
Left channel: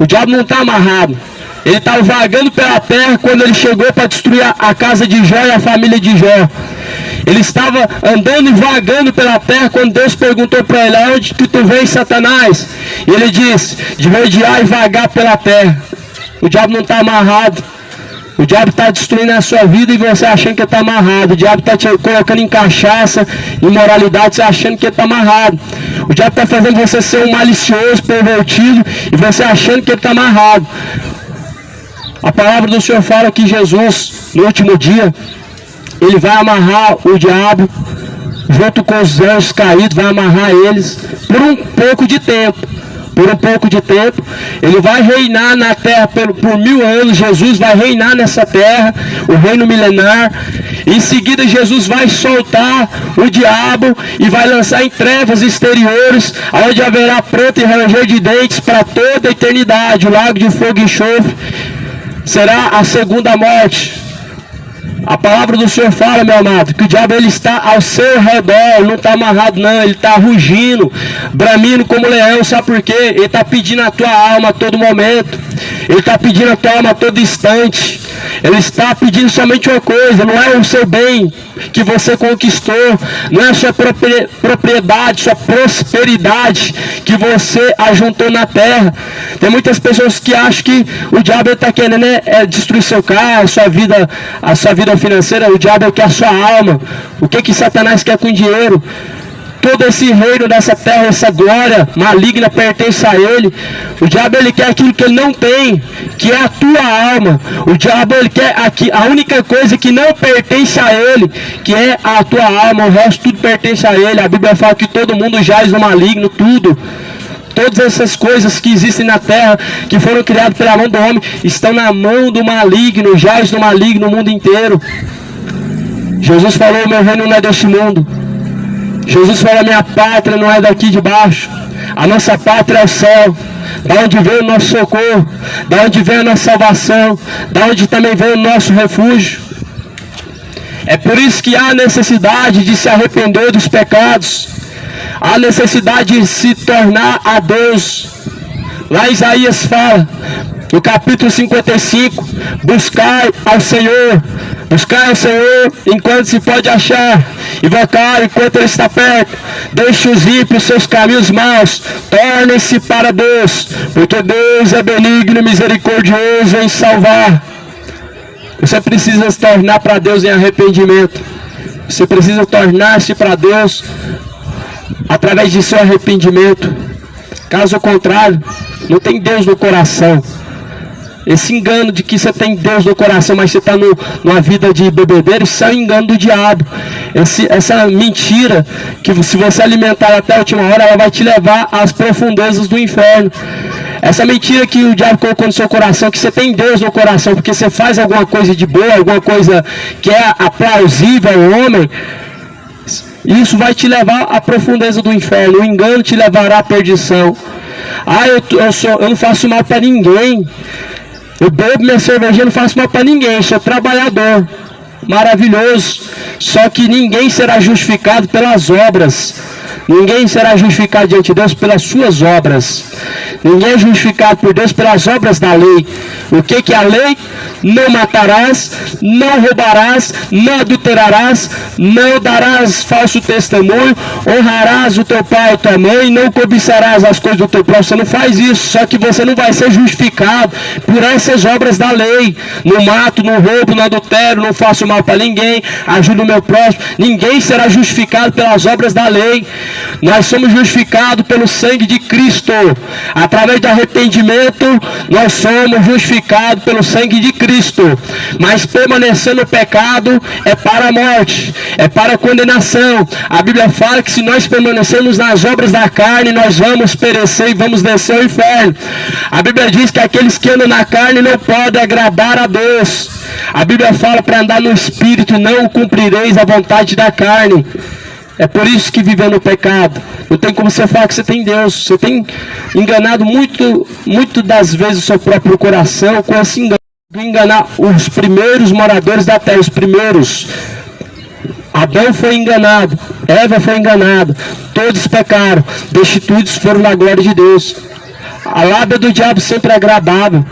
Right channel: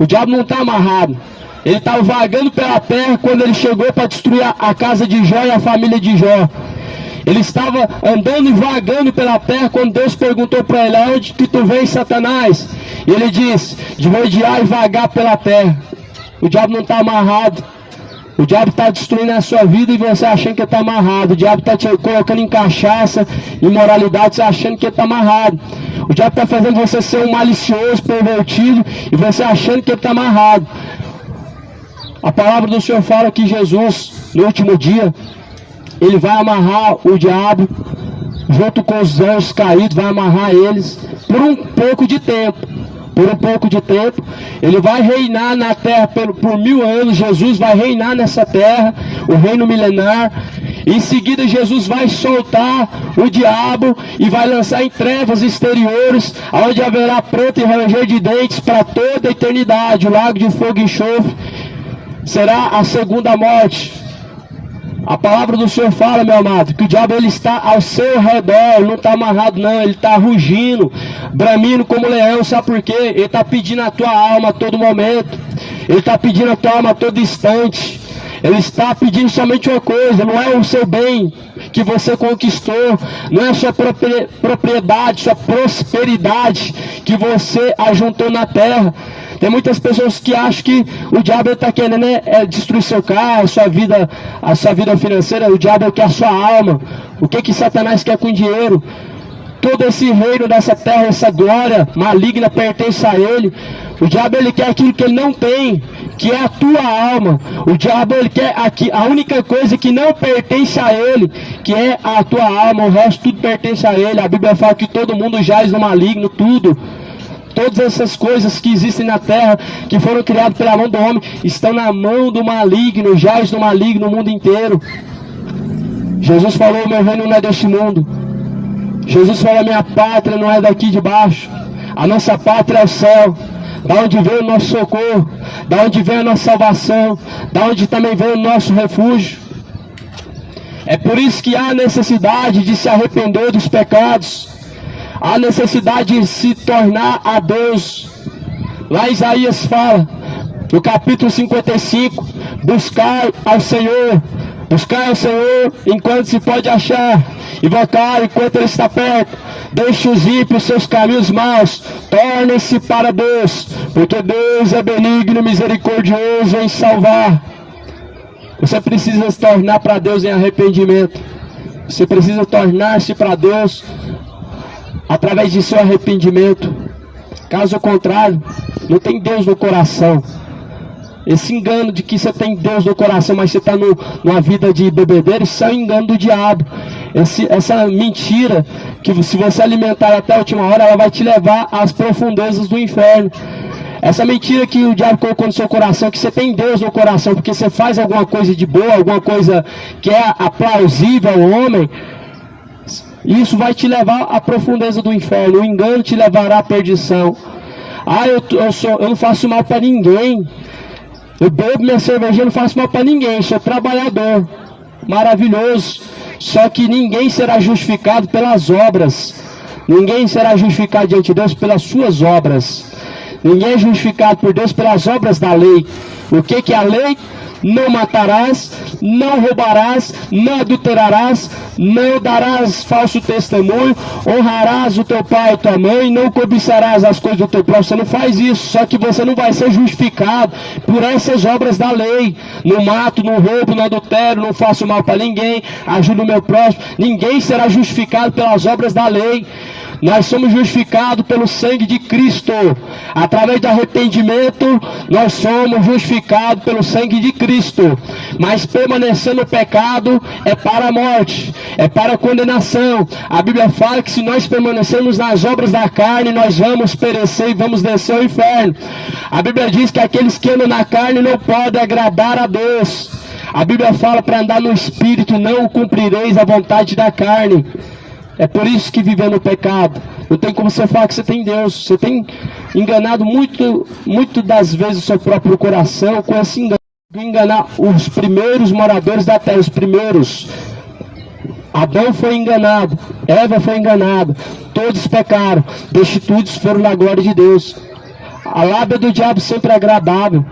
o diabo não está amarrado. Ele estava vagando pela terra quando ele chegou para destruir a casa de Jó e a família de Jó. Ele estava andando e vagando pela terra quando Deus perguntou para ele: onde que tu vens, Satanás? E ele disse: de rodear e vagar pela terra. O diabo não está amarrado. O diabo está destruindo a sua vida e você achando que está amarrado. O diabo está te colocando em cachaça, imoralidade, você achando que está amarrado. O diabo está fazendo você ser um malicioso, pervertido, e você achando que está amarrado. A palavra do Senhor fala que Jesus, no último dia, ele vai amarrar o diabo junto com os anjos caídos, vai amarrar eles por um pouco de tempo. Por um pouco de tempo, ele vai reinar na terra por 1000 anos. Jesus vai reinar nessa terra, o reino milenar. Em seguida, Jesus vai soltar o diabo e vai lançar em trevas exteriores, onde haverá pranto e ranger de dentes para toda a eternidade. O lago de fogo e enxofre será a segunda morte. A palavra do Senhor fala, meu amado, que o diabo ele está ao seu redor, não está amarrado não, ele está rugindo, bramindo como leão. Sabe por quê? Ele está pedindo a tua alma a todo momento, ele está pedindo a tua alma a todo instante. Ele está pedindo somente uma coisa, não é o seu bem que você conquistou, não é a sua propriedade, sua prosperidade que você ajuntou na terra. Tem muitas pessoas que acham que o diabo está querendo destruir seu carro, a sua vida financeira. O diabo quer a sua alma. O que Satanás quer com dinheiro? Todo esse reino dessa terra, essa glória maligna pertence a ele. O diabo ele quer aquilo que ele não tem, que é a tua alma. O diabo ele quer a única coisa que não pertence a ele, que é a tua alma. O resto tudo pertence a ele. A Bíblia fala que todo mundo jaz no maligno, tudo. Todas essas coisas que existem na terra, que foram criadas pela mão do homem, estão na mão do maligno, jaz no maligno no mundo inteiro. Jesus falou: meu reino não é deste mundo. Jesus falou: minha pátria não é daqui de baixo. A nossa pátria é o céu, da onde vem o nosso socorro, da onde vem a nossa salvação, da onde também vem o nosso refúgio. É por isso que há necessidade de se arrepender dos pecados, há necessidade de se tornar a Deus. Lá Isaías fala, no capítulo 55, buscai ao Senhor enquanto se pode achar, invocar enquanto ele está perto. Deixe os ímpios seus caminhos maus, tornem-se para Deus, porque Deus é benigno e misericordioso em salvar. Você precisa se tornar para Deus em arrependimento. Você precisa tornar-se para Deus através de seu arrependimento. Caso contrário, não tem Deus no coração. Esse engano de que você tem Deus no coração, mas você está numa vida de bebedeira, isso é um engano do diabo. Essa mentira, que se você alimentar até a última hora, ela vai te levar às profundezas do inferno. Essa mentira que o diabo colocou no seu coração, que você tem Deus no coração, porque você faz alguma coisa de boa, alguma coisa que é aplausível ao homem, isso vai te levar à profundeza do inferno. O engano te levará à perdição. Eu não faço mal para ninguém. Eu bebo minha cervejinha, não faço mal para ninguém. Eu sou trabalhador. Maravilhoso. Só que ninguém será justificado pelas obras. Ninguém será justificado diante de Deus pelas suas obras. Ninguém é justificado por Deus pelas obras da lei. O que é a lei? Não matarás, não roubarás, não adulterarás, não darás falso testemunho, honrarás o teu pai e tua mãe, não cobiçarás as coisas do teu próximo. Você não faz isso, só que você não vai ser justificado por essas obras da lei. Não mato, não roubo, não adultero, não faço mal para ninguém, ajudo o meu próximo. Ninguém será justificado pelas obras da lei. Nós somos justificados pelo sangue de Cristo. Através do arrependimento, nós somos justificados pelo sangue de Cristo. Mas permanecer no pecado é para a morte, é para a condenação. A Bíblia fala que se nós permanecermos nas obras da carne, nós vamos perecer e vamos descer ao inferno. A Bíblia diz que aqueles que andam na carne não podem agradar a Deus. A Bíblia fala para andar no Espírito, não cumprireis a vontade da carne. É por isso que viver no pecado. Não tem como você falar que você tem Deus. Você tem enganado muito das vezes o seu próprio coração com esse engano. Enganar os primeiros moradores da terra, os primeiros. Adão foi enganado, Eva foi enganada, todos pecaram, destituídos foram na glória de Deus. A lábia do diabo sempre é agradável,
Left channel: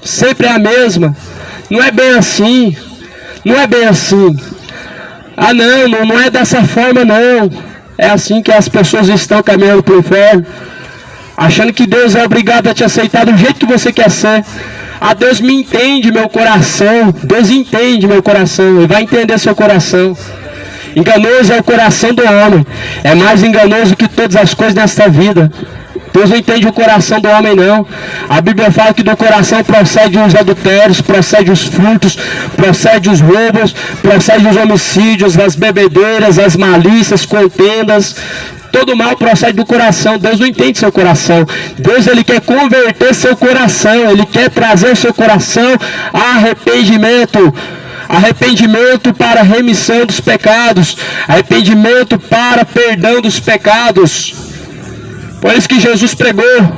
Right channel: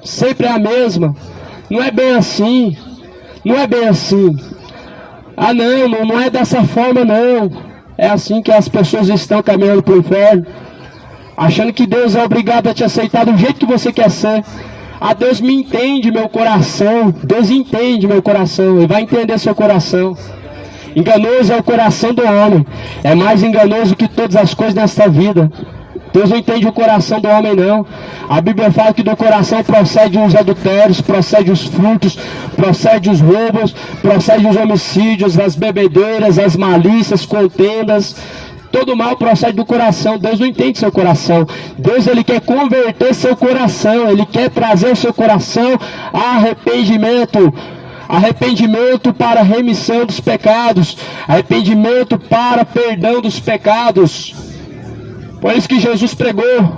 sempre é a mesma. Não é bem assim, não é bem assim. Ah não é dessa forma não. É assim que as pessoas estão caminhando para o inferno, achando que Deus é obrigado a te aceitar do jeito que você quer ser. Ah, Deus me entende meu coração. Deus entende meu coração e vai entender seu coração. Enganoso é o coração do homem. É mais enganoso que todas as coisas nesta vida. Deus não entende o coração do homem não. A Bíblia fala que do coração procede os adultérios, procede os furtos, procede os roubos, procede os homicídios, as bebedeiras, as malícias, contendas. Todo mal procede do coração. Deus não entende seu coração. Deus ele quer converter seu coração. Ele quer trazer seu coração a arrependimento. Arrependimento para remissão dos pecados. Arrependimento para perdão dos pecados. Por isso que Jesus pregou:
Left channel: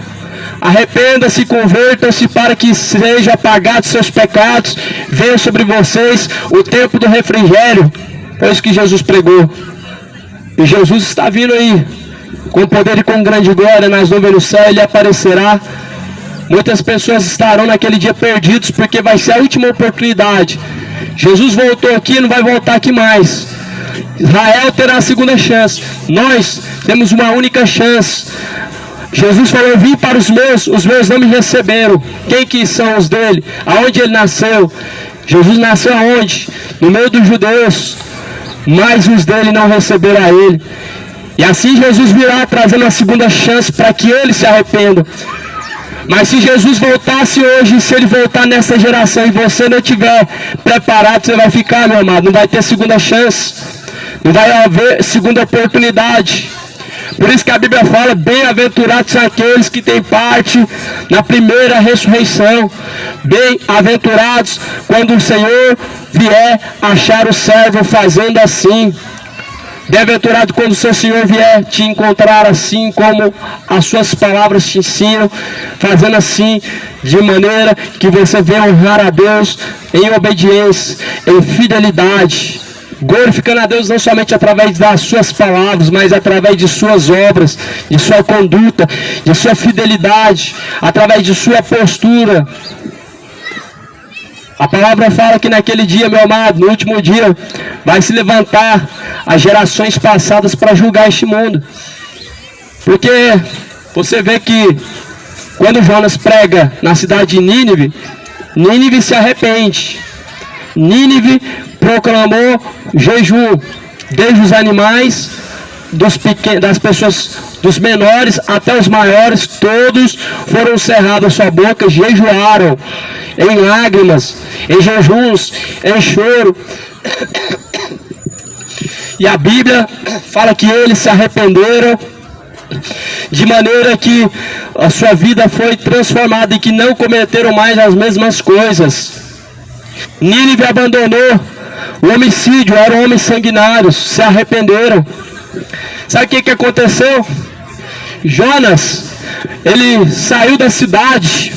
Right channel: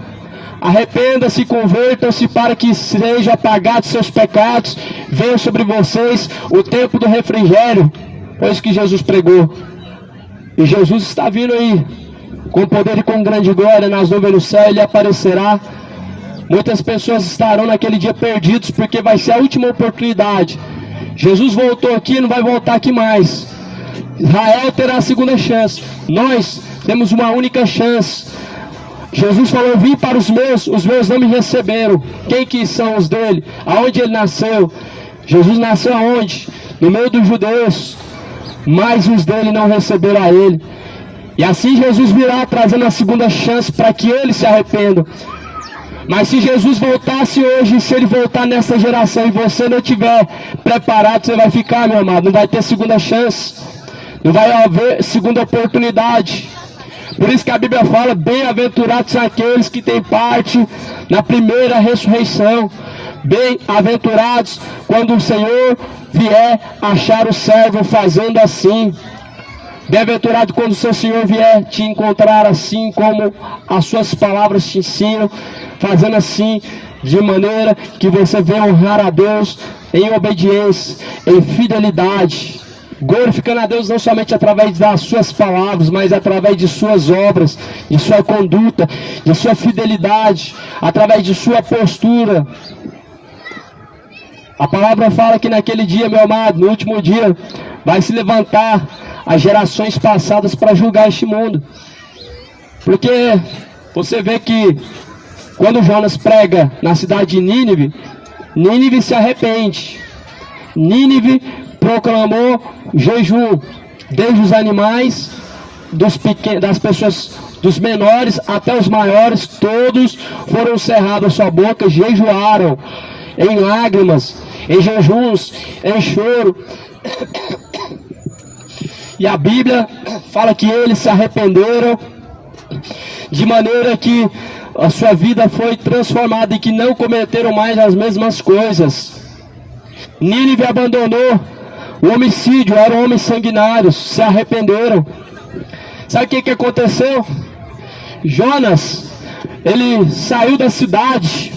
arrependa-se, convertam-se para que sejam apagados seus pecados. Venha sobre vocês o tempo do refrigério. Por isso que Jesus pregou. E Jesus está vindo aí, com poder e com grande glória, nas nuvens do céu. Ele aparecerá Muitas pessoas estarão naquele dia perdidos, porque vai ser a última oportunidade. Jesus voltou aqui e não vai voltar aqui mais. Israel terá a segunda chance. Nós temos uma única chance. Jesus falou: vim para os meus não me receberam. Quem que são os dele? Aonde ele nasceu? Jesus nasceu aonde? No meio dos judeus. Mas os dele não receberam a ele. E assim Jesus virá trazendo a segunda chance para que eles se arrependam. Mas se Jesus voltasse hoje, se ele voltar nessa geração e você não estiver preparado, você vai ficar, meu amado. Não vai ter segunda chance. Não vai haver segunda oportunidade. Por isso que a Bíblia fala: bem-aventurados são aqueles que têm parte na primeira ressurreição. Bem-aventurados quando o Senhor vier achar o servo fazendo assim. Bem-aventurado quando o seu Senhor vier te encontrar assim como as suas palavras te ensinam, fazendo assim, de maneira que você venha honrar a Deus em obediência, em fidelidade, glorificando a Deus não somente através das suas palavras, mas através de suas obras, de sua conduta, de sua fidelidade, através de sua postura. A palavra fala que naquele dia, meu amado, no último dia, vai se levantar as gerações passadas para julgar este mundo. Porque você vê que quando Jonas prega na cidade de Nínive, Nínive se arrepende. Nínive proclamou jejum, desde os animais, das pessoas, dos menores até os maiores, todos foram cerrados a sua boca, jejuaram em lágrimas, em jejuns, em choro. E a Bíblia fala que eles se arrependeram, de maneira que a sua vida foi transformada e que não cometeram mais as mesmas coisas. Nínive abandonou o homicídio, eram homens sanguinários, se arrependeram. Sabe o que aconteceu? Jonas, ele saiu da cidade,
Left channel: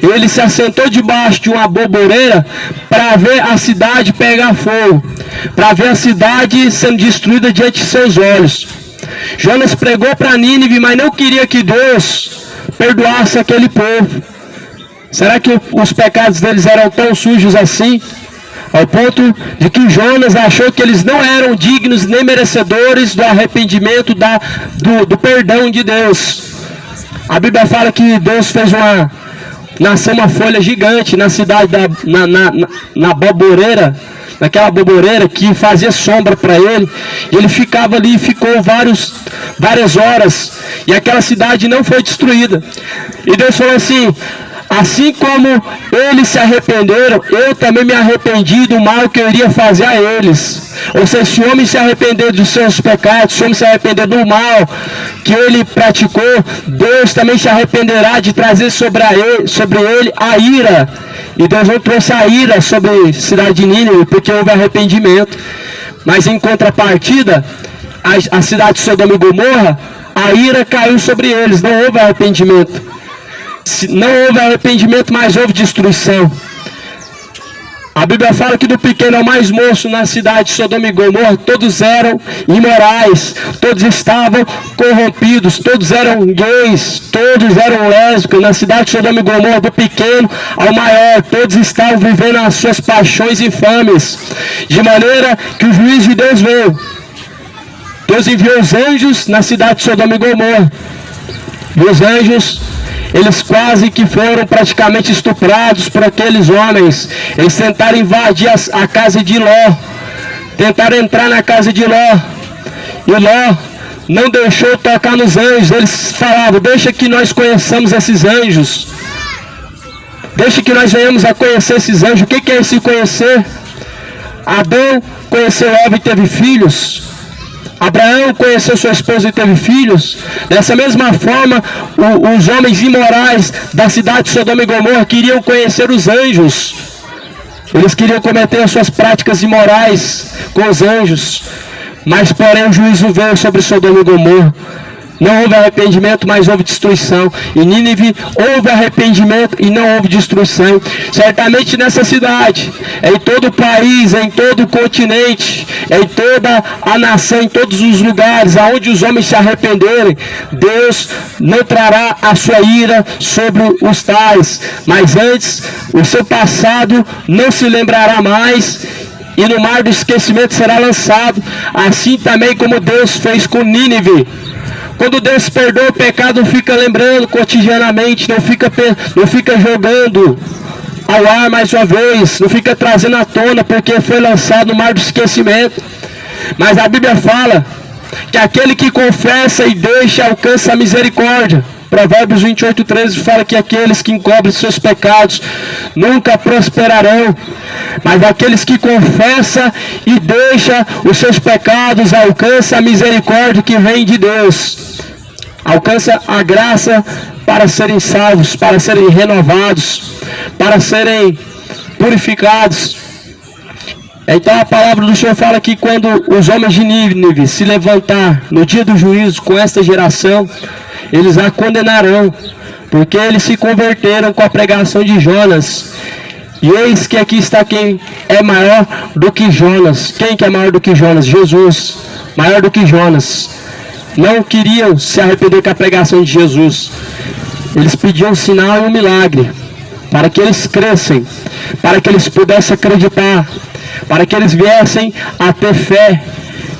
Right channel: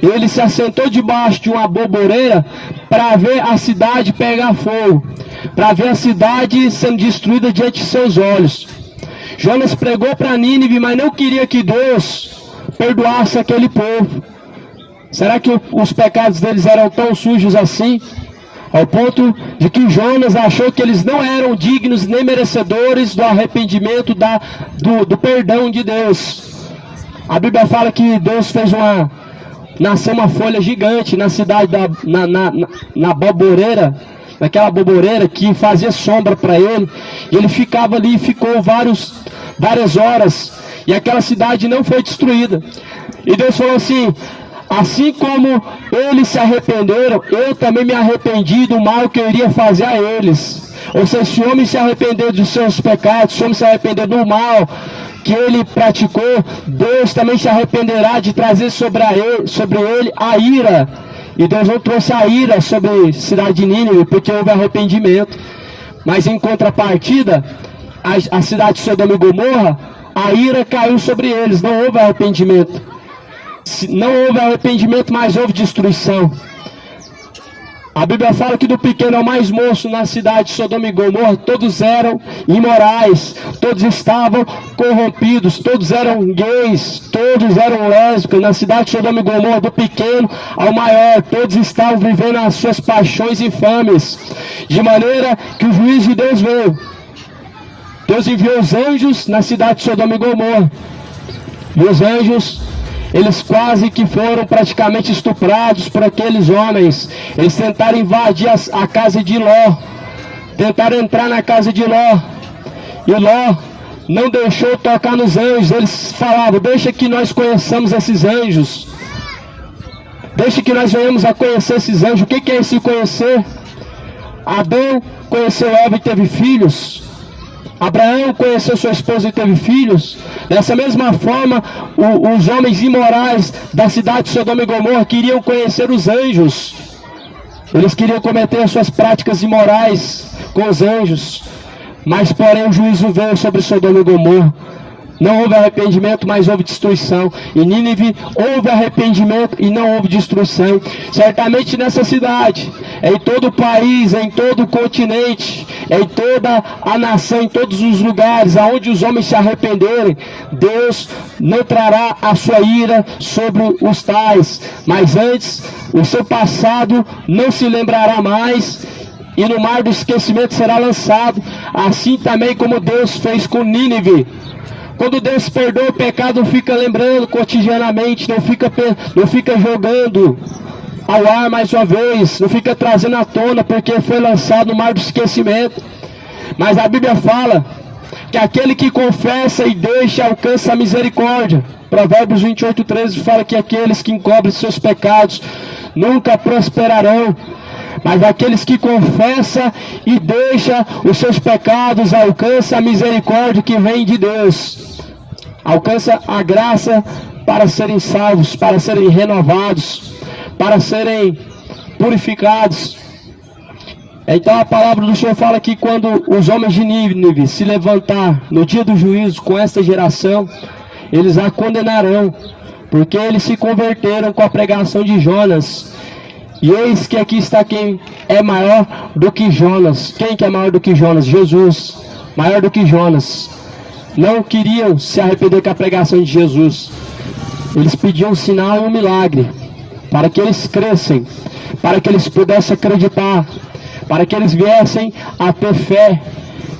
ele se assentou debaixo de uma boboreira para ver a cidade pegar fogo, para ver a cidade sendo destruída diante de seus olhos. Jonas pregou para Nínive, mas não queria que Deus perdoasse aquele povo. Será que os pecados deles eram tão sujos assim? Ao ponto de que Jonas achou que eles não eram dignos nem merecedores do arrependimento, do perdão de Deus. A Bíblia fala que Deus fez nasceu uma folha gigante na cidade, na boboreira, naquela boboreira que fazia sombra para ele. E ele ficava ali, ficou várias horas, e aquela cidade não foi destruída. E Deus falou assim: assim como eles se arrependeram, eu também me arrependi do mal que eu iria fazer a eles. Ou seja, se o homem se arrepender dos seus pecados, se o homem se arrepender do mal que ele praticou, Deus também se arrependerá de trazer sobre ele a ira. E Deus não trouxe a ira sobre a cidade de Nínive, porque houve arrependimento. Mas em contrapartida, a cidade de Sodoma e Gomorra, a ira caiu sobre eles, não houve arrependimento. Não houve arrependimento, mas houve destruição. A Bíblia fala que do pequeno ao mais moço na cidade de Sodoma e Gomorra, todos eram imorais, todos estavam corrompidos, todos eram gays, todos eram lésbicos. Na cidade de Sodoma e Gomorra, do pequeno ao maior, todos estavam vivendo as suas paixões infames. De maneira que o juízo de Deus veio. Deus enviou os anjos na cidade de Sodoma e Gomorra. E os anjos, eles quase que foram praticamente estuprados por aqueles homens. Eles tentaram invadir a casa de Ló. Tentaram entrar na casa de Ló. E Ló não deixou tocar nos anjos. Eles falavam: deixa que nós conheçamos esses anjos. Deixa que nós venhamos a conhecer esses anjos. O que é esse conhecer? Adão conheceu Eva e teve filhos. Abraão conheceu sua esposa e teve filhos. Dessa mesma forma, os homens imorais da cidade de Sodoma e Gomorra queriam conhecer os anjos. Eles queriam cometer as suas práticas imorais com os anjos. Mas porém o juízo veio sobre Sodoma e Gomorra. Não houve arrependimento, mas houve destruição. Em Nínive houve arrependimento e não houve destruição. Certamente nessa cidade, em todo o país, em todo o continente, em toda a nação, em todos os lugares aonde os homens se arrependerem, Deus não trará a sua ira sobre os tais. Mas antes, o seu passado não se lembrará mais, e no mar do esquecimento será lançado, assim também como Deus fez com Nínive. Quando Deus perdoa o pecado, não fica lembrando cotidianamente, não fica jogando ao ar mais uma vez, não fica trazendo à tona, porque foi lançado no mar do esquecimento. Mas a Bíblia fala que aquele que confessa e deixa alcança a misericórdia. Provérbios 28:13 fala que aqueles que encobrem seus pecados nunca prosperarão. Mas aqueles que confessam e deixam os seus pecados alcançam a misericórdia que vem de Deus. Alcança a graça para serem salvos, para serem renovados, para serem purificados. Então a palavra do Senhor fala que quando os homens de Nínive se levantar no dia do juízo com esta geração, eles a condenarão, porque eles se converteram com a pregação de Jonas. E eis que aqui está quem é maior do que Jonas. Quem que é maior do que Jonas? Jesus, maior do que Jonas. Não queriam se arrepender com a pregação de Jesus. Eles pediam um sinal e um milagre, para que eles crescem, para que eles pudessem acreditar, para que eles viessem a ter fé.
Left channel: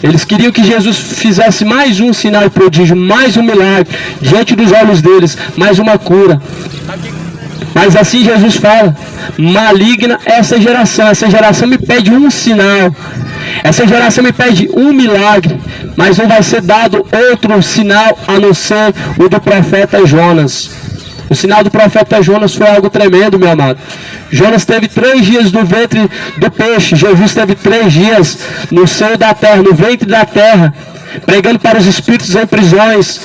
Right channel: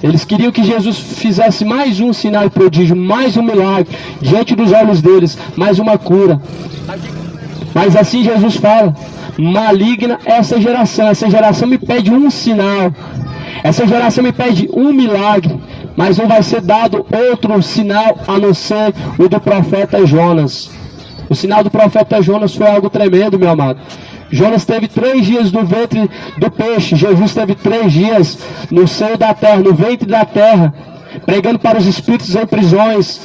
Eles queriam que Jesus fizesse mais um sinal e prodígio, mais um milagre, diante dos olhos deles, mais uma cura. Mas assim Jesus fala: maligna essa geração me pede um sinal, essa geração me pede um milagre, mas não vai ser dado outro sinal a não ser o do profeta Jonas. O sinal do profeta Jonas foi algo tremendo, meu amado. Jonas teve 3 dias no ventre do peixe, Jesus teve 3 dias no seio da terra, no ventre da terra, pregando para os espíritos em prisões.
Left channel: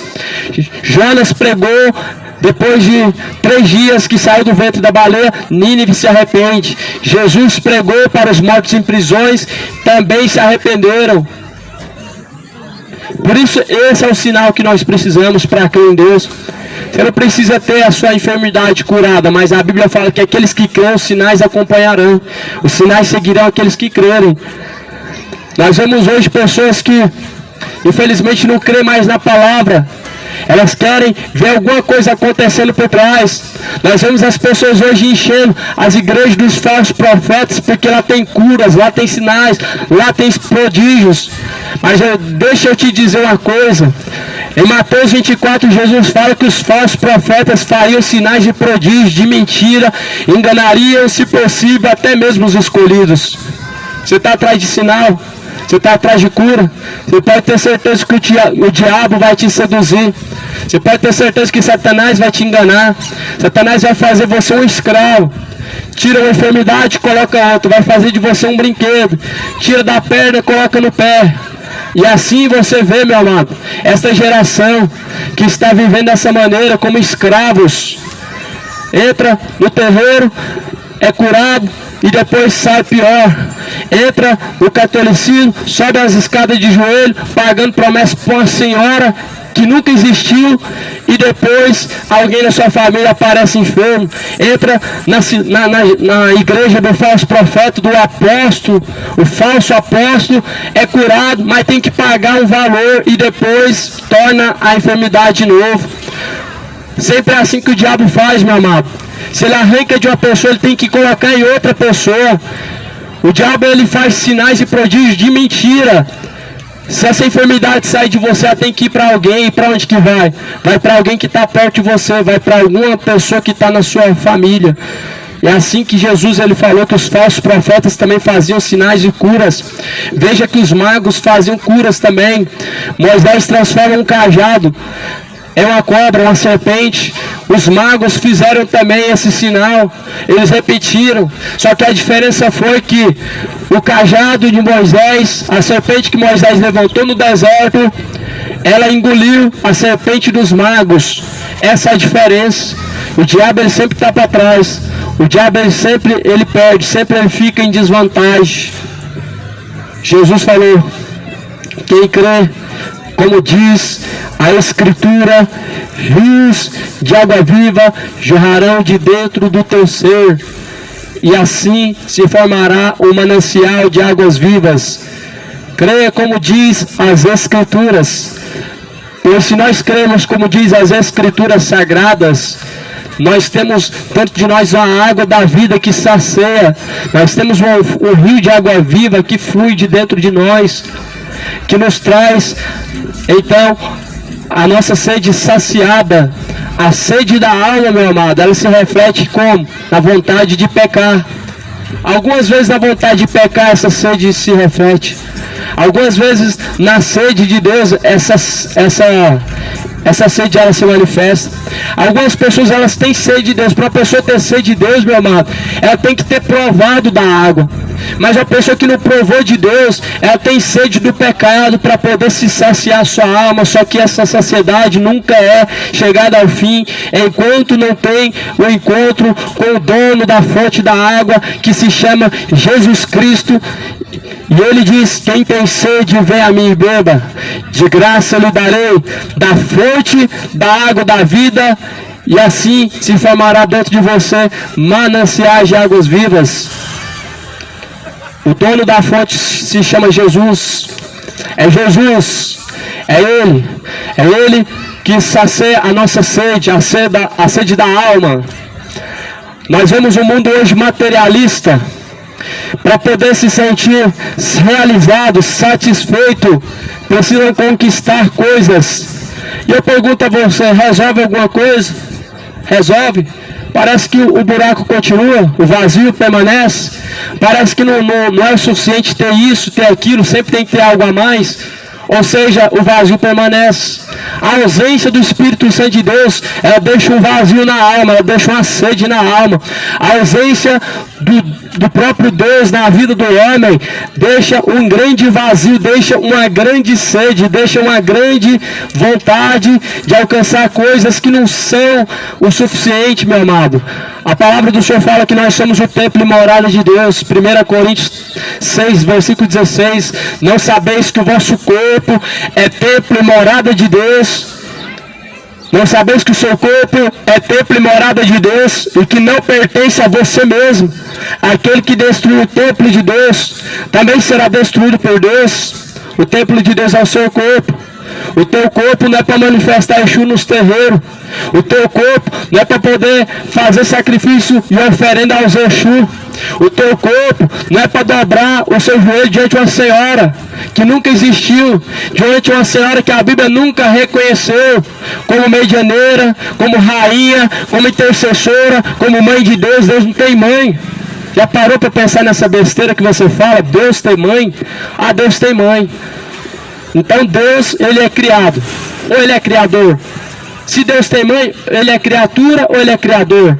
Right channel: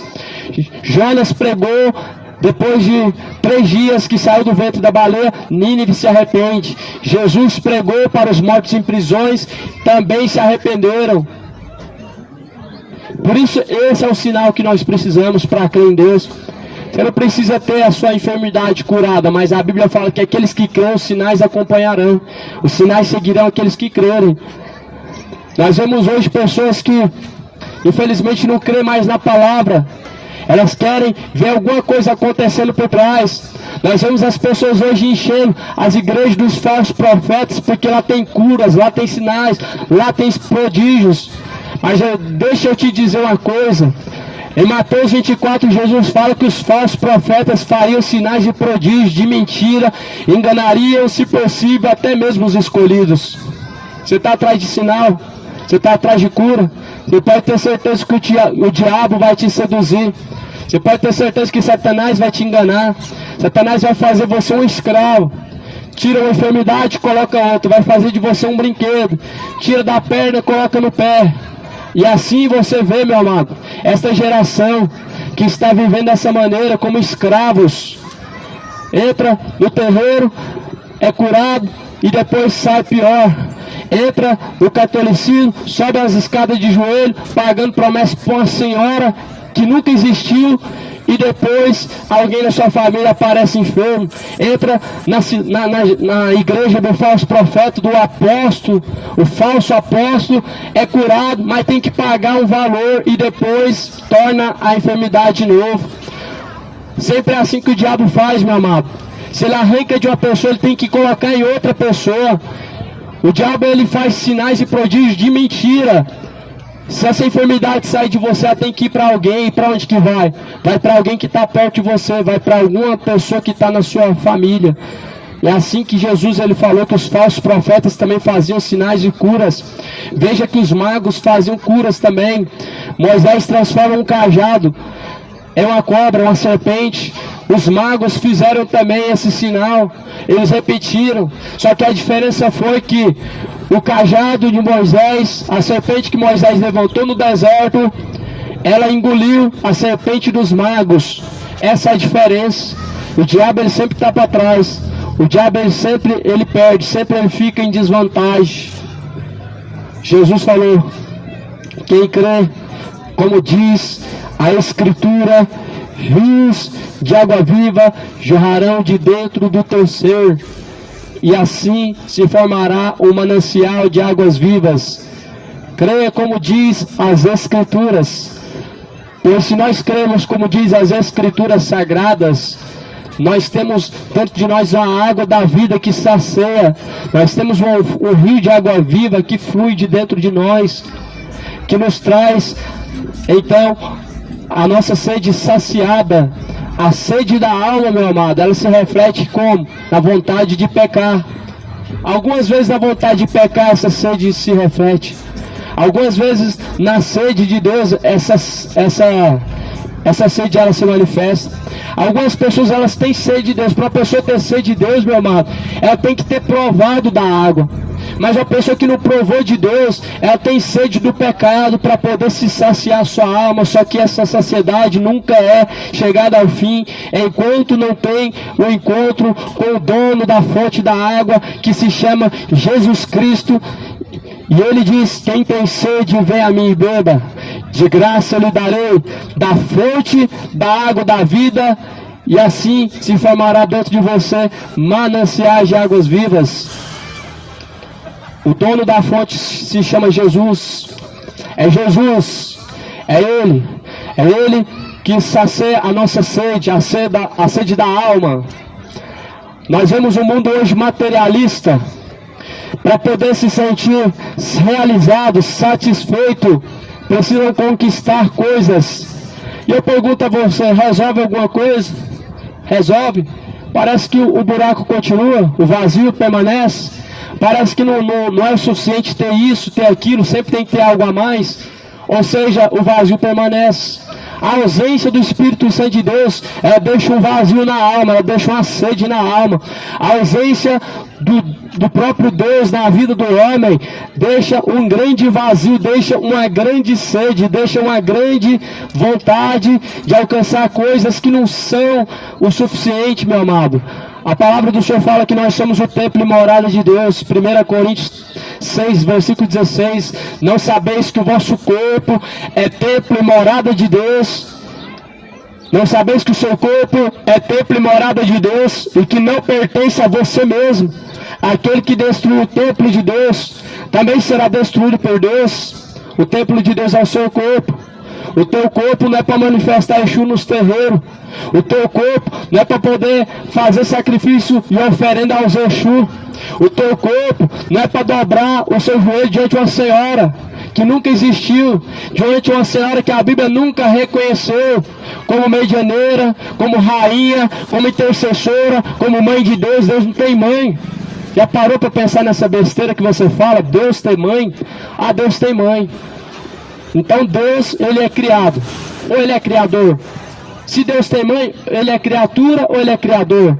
Jonas pregou. Depois de 3 dias que saiu do ventre da baleia, Nínive se arrepende. Jesus pregou para os mortos em prisões, também se arrependeram. Por isso, esse é o sinal que nós precisamos para crer em Deus. Você não precisa ter a sua enfermidade curada, mas a Bíblia fala que aqueles que creem, os sinais acompanharão. Os sinais seguirão aqueles que crerem. Nós vemos hoje pessoas que, infelizmente, não creem mais na palavra. Elas querem ver alguma coisa acontecendo por trás. Nós vemos as pessoas hoje enchendo as igrejas dos falsos profetas, porque lá tem curas, lá tem sinais, lá tem prodígios. Mas deixa eu te dizer uma coisa. Em Mateus 24, Jesus fala que os falsos profetas fariam sinais de prodígios, de mentira, enganariam, se possível, até mesmo os escolhidos. Você está atrás de sinal? Você está atrás de cura? Você pode ter certeza que o diabo vai te seduzir. Você pode ter certeza que Satanás vai te enganar. Satanás vai fazer você um escravo. Tira uma enfermidade, coloca alto. Vai fazer de você um brinquedo. Tira da perna, coloca no pé. E assim você vê, meu amado, essa geração que está vivendo dessa maneira, como escravos. Entra no terreiro, é curado e depois sai pior. Entra no catolicismo, sobe as escadas de joelho, pagando promessa para uma senhora que nunca existiu, e depois alguém da sua família aparece enfermo. Entra na igreja do falso profeta, do apóstolo, o falso apóstolo é curado, mas tem que pagar um valor e depois torna a enfermidade de novo. Sempre é assim que o diabo faz, meu amado. Se ele arranca de uma pessoa, ele tem que colocar em outra pessoa. O diabo, ele faz sinais e prodígios de mentira. Se essa enfermidade sair de você, ela tem que ir para alguém. E para onde que vai? Vai para alguém que está perto de você. Vai para alguma pessoa que está na sua família. É assim que Jesus, ele falou que os falsos profetas também faziam sinais e curas. Veja que os magos faziam curas também. Moisés transforma um cajado, é uma cobra, uma serpente. Os magos fizeram também esse sinal. Eles repetiram. Só que a diferença foi que o cajado de Moisés, a serpente que Moisés levantou no deserto, ela engoliu a serpente dos magos. Essa é a diferença. O diabo, ele sempre está para trás. O diabo, ele perde, sempre ele fica em desvantagem. Jesus falou: quem crê, como diz a a Escritura, rios de água viva jorrarão de dentro do teu ser, e assim se formará um manancial de águas vivas. Creia como diz as Escrituras, pois se nós cremos como diz as Escrituras sagradas, nós temos dentro de nós a água da vida que sacia, nós temos um rio de água viva que flui de dentro de nós, que nos traz, então, a nossa sede saciada. A sede da alma, meu amado, ela se reflete como? Na vontade de pecar. Algumas vezes na vontade de pecar essa sede se reflete. Algumas vezes na sede de Deus essa sede ela se manifesta. Algumas pessoas elas têm sede de Deus. Para a pessoa ter sede de Deus, meu amado, ela tem que ter provado da água. Mas a pessoa que não provou de Deus, ela tem sede do pecado para poder se saciar a sua alma. Só que essa saciedade nunca é chegada ao fim enquanto não tem o encontro com o dono da fonte da água, que se chama Jesus Cristo. E ele diz: quem tem sede, vem a mim e beba. De graça eu lhe darei da fonte da água da vida, e assim se formará dentro de você mananciais de águas vivas. O dono da fonte se chama Jesus. É Jesus. É Ele que sacia a nossa sede, a sede da alma. Nós vemos um mundo hoje materialista. Para poder se sentir realizado, satisfeito, precisam conquistar coisas. E eu pergunto a você: resolve alguma coisa? Resolve? Parece que o buraco continua, o vazio permanece. Parece que não é o suficiente ter isso, ter aquilo, sempre tem que ter algo a mais. Ou seja, o vazio permanece. A ausência do Espírito Santo de Deus, ela deixa um vazio na alma, ela deixa uma sede na alma. A ausência do próprio Deus na vida do homem deixa um grande vazio, deixa uma grande sede, deixa uma grande vontade de alcançar coisas que não são o suficiente, meu amado. A palavra do Senhor fala que nós somos o templo e morada de Deus. 1 Coríntios 6, versículo 16. Não sabeis que o vosso corpo é templo e morada de Deus? Não sabeis que o seu corpo é templo e morada de Deus, e que não pertence a você mesmo? Aquele que destruiu o templo de Deus também será destruído por Deus. O templo de Deus é o seu corpo. O teu corpo não é para manifestar Exu nos terreiros. O teu corpo não é para poder fazer sacrifício e oferenda aos Exu. O teu corpo não é para dobrar o seu joelho diante de uma senhora que nunca existiu, diante de uma senhora que a Bíblia nunca reconheceu como medianeira, como rainha, como intercessora, como mãe de Deus. Deus não tem mãe. Já parou para pensar nessa besteira que você fala? Deus tem mãe? Ah, Deus tem mãe. Então Deus, ele é criado, ou ele é criador? Se Deus tem mãe, ele é criatura ou ele é criador?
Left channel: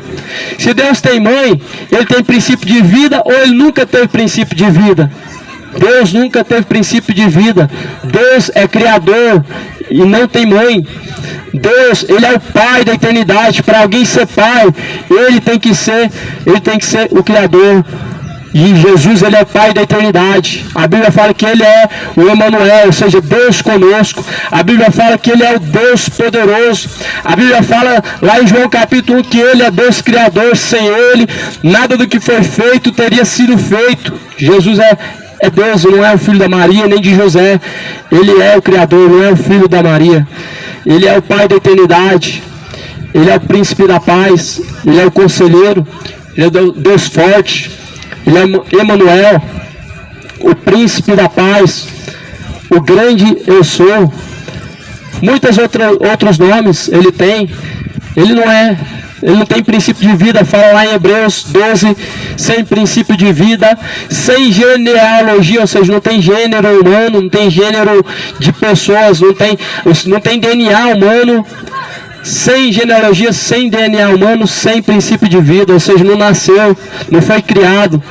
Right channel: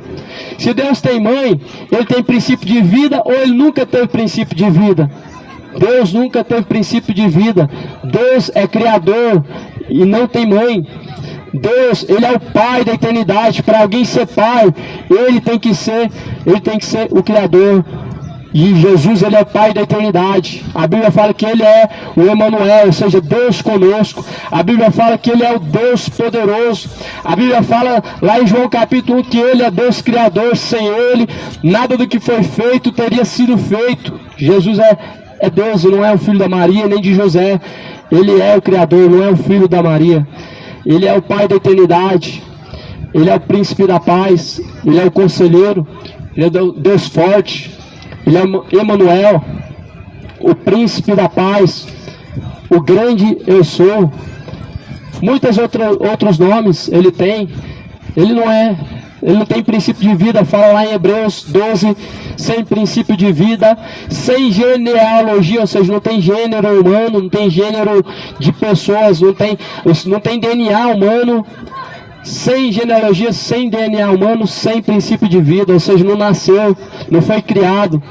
Se Deus tem mãe, ele tem princípio de vida ou ele nunca teve princípio de vida? Deus nunca teve princípio de vida. Deus é criador e não tem mãe. Deus, ele é o Pai da eternidade. Para alguém ser pai, ele tem que ser o criador. E Jesus, ele é Pai da eternidade. A Bíblia fala que ele é o Emanuel, ou seja, Deus conosco. A Bíblia fala que ele é o Deus poderoso. A Bíblia fala lá em João capítulo 1 que ele é Deus criador. Sem ele, nada do que foi feito teria sido feito. Jesus é Deus, não é o filho da Maria, nem de José. Ele é o Criador, não é o filho da Maria. Ele é o Pai da eternidade. Ele é o príncipe da paz. Ele é o conselheiro. Ele é o Deus forte. Ele é Emanuel, o príncipe da paz, o grande eu sou. Muitos outros nomes ele tem. Ele não tem princípio de vida. Fala lá em Hebreus 12, sem princípio de vida, sem genealogia, ou seja, não tem gênero humano, não tem gênero de pessoas, não tem DNA humano. Sem genealogia, sem DNA humano, sem princípio de vida, ou seja, não nasceu, não foi criado,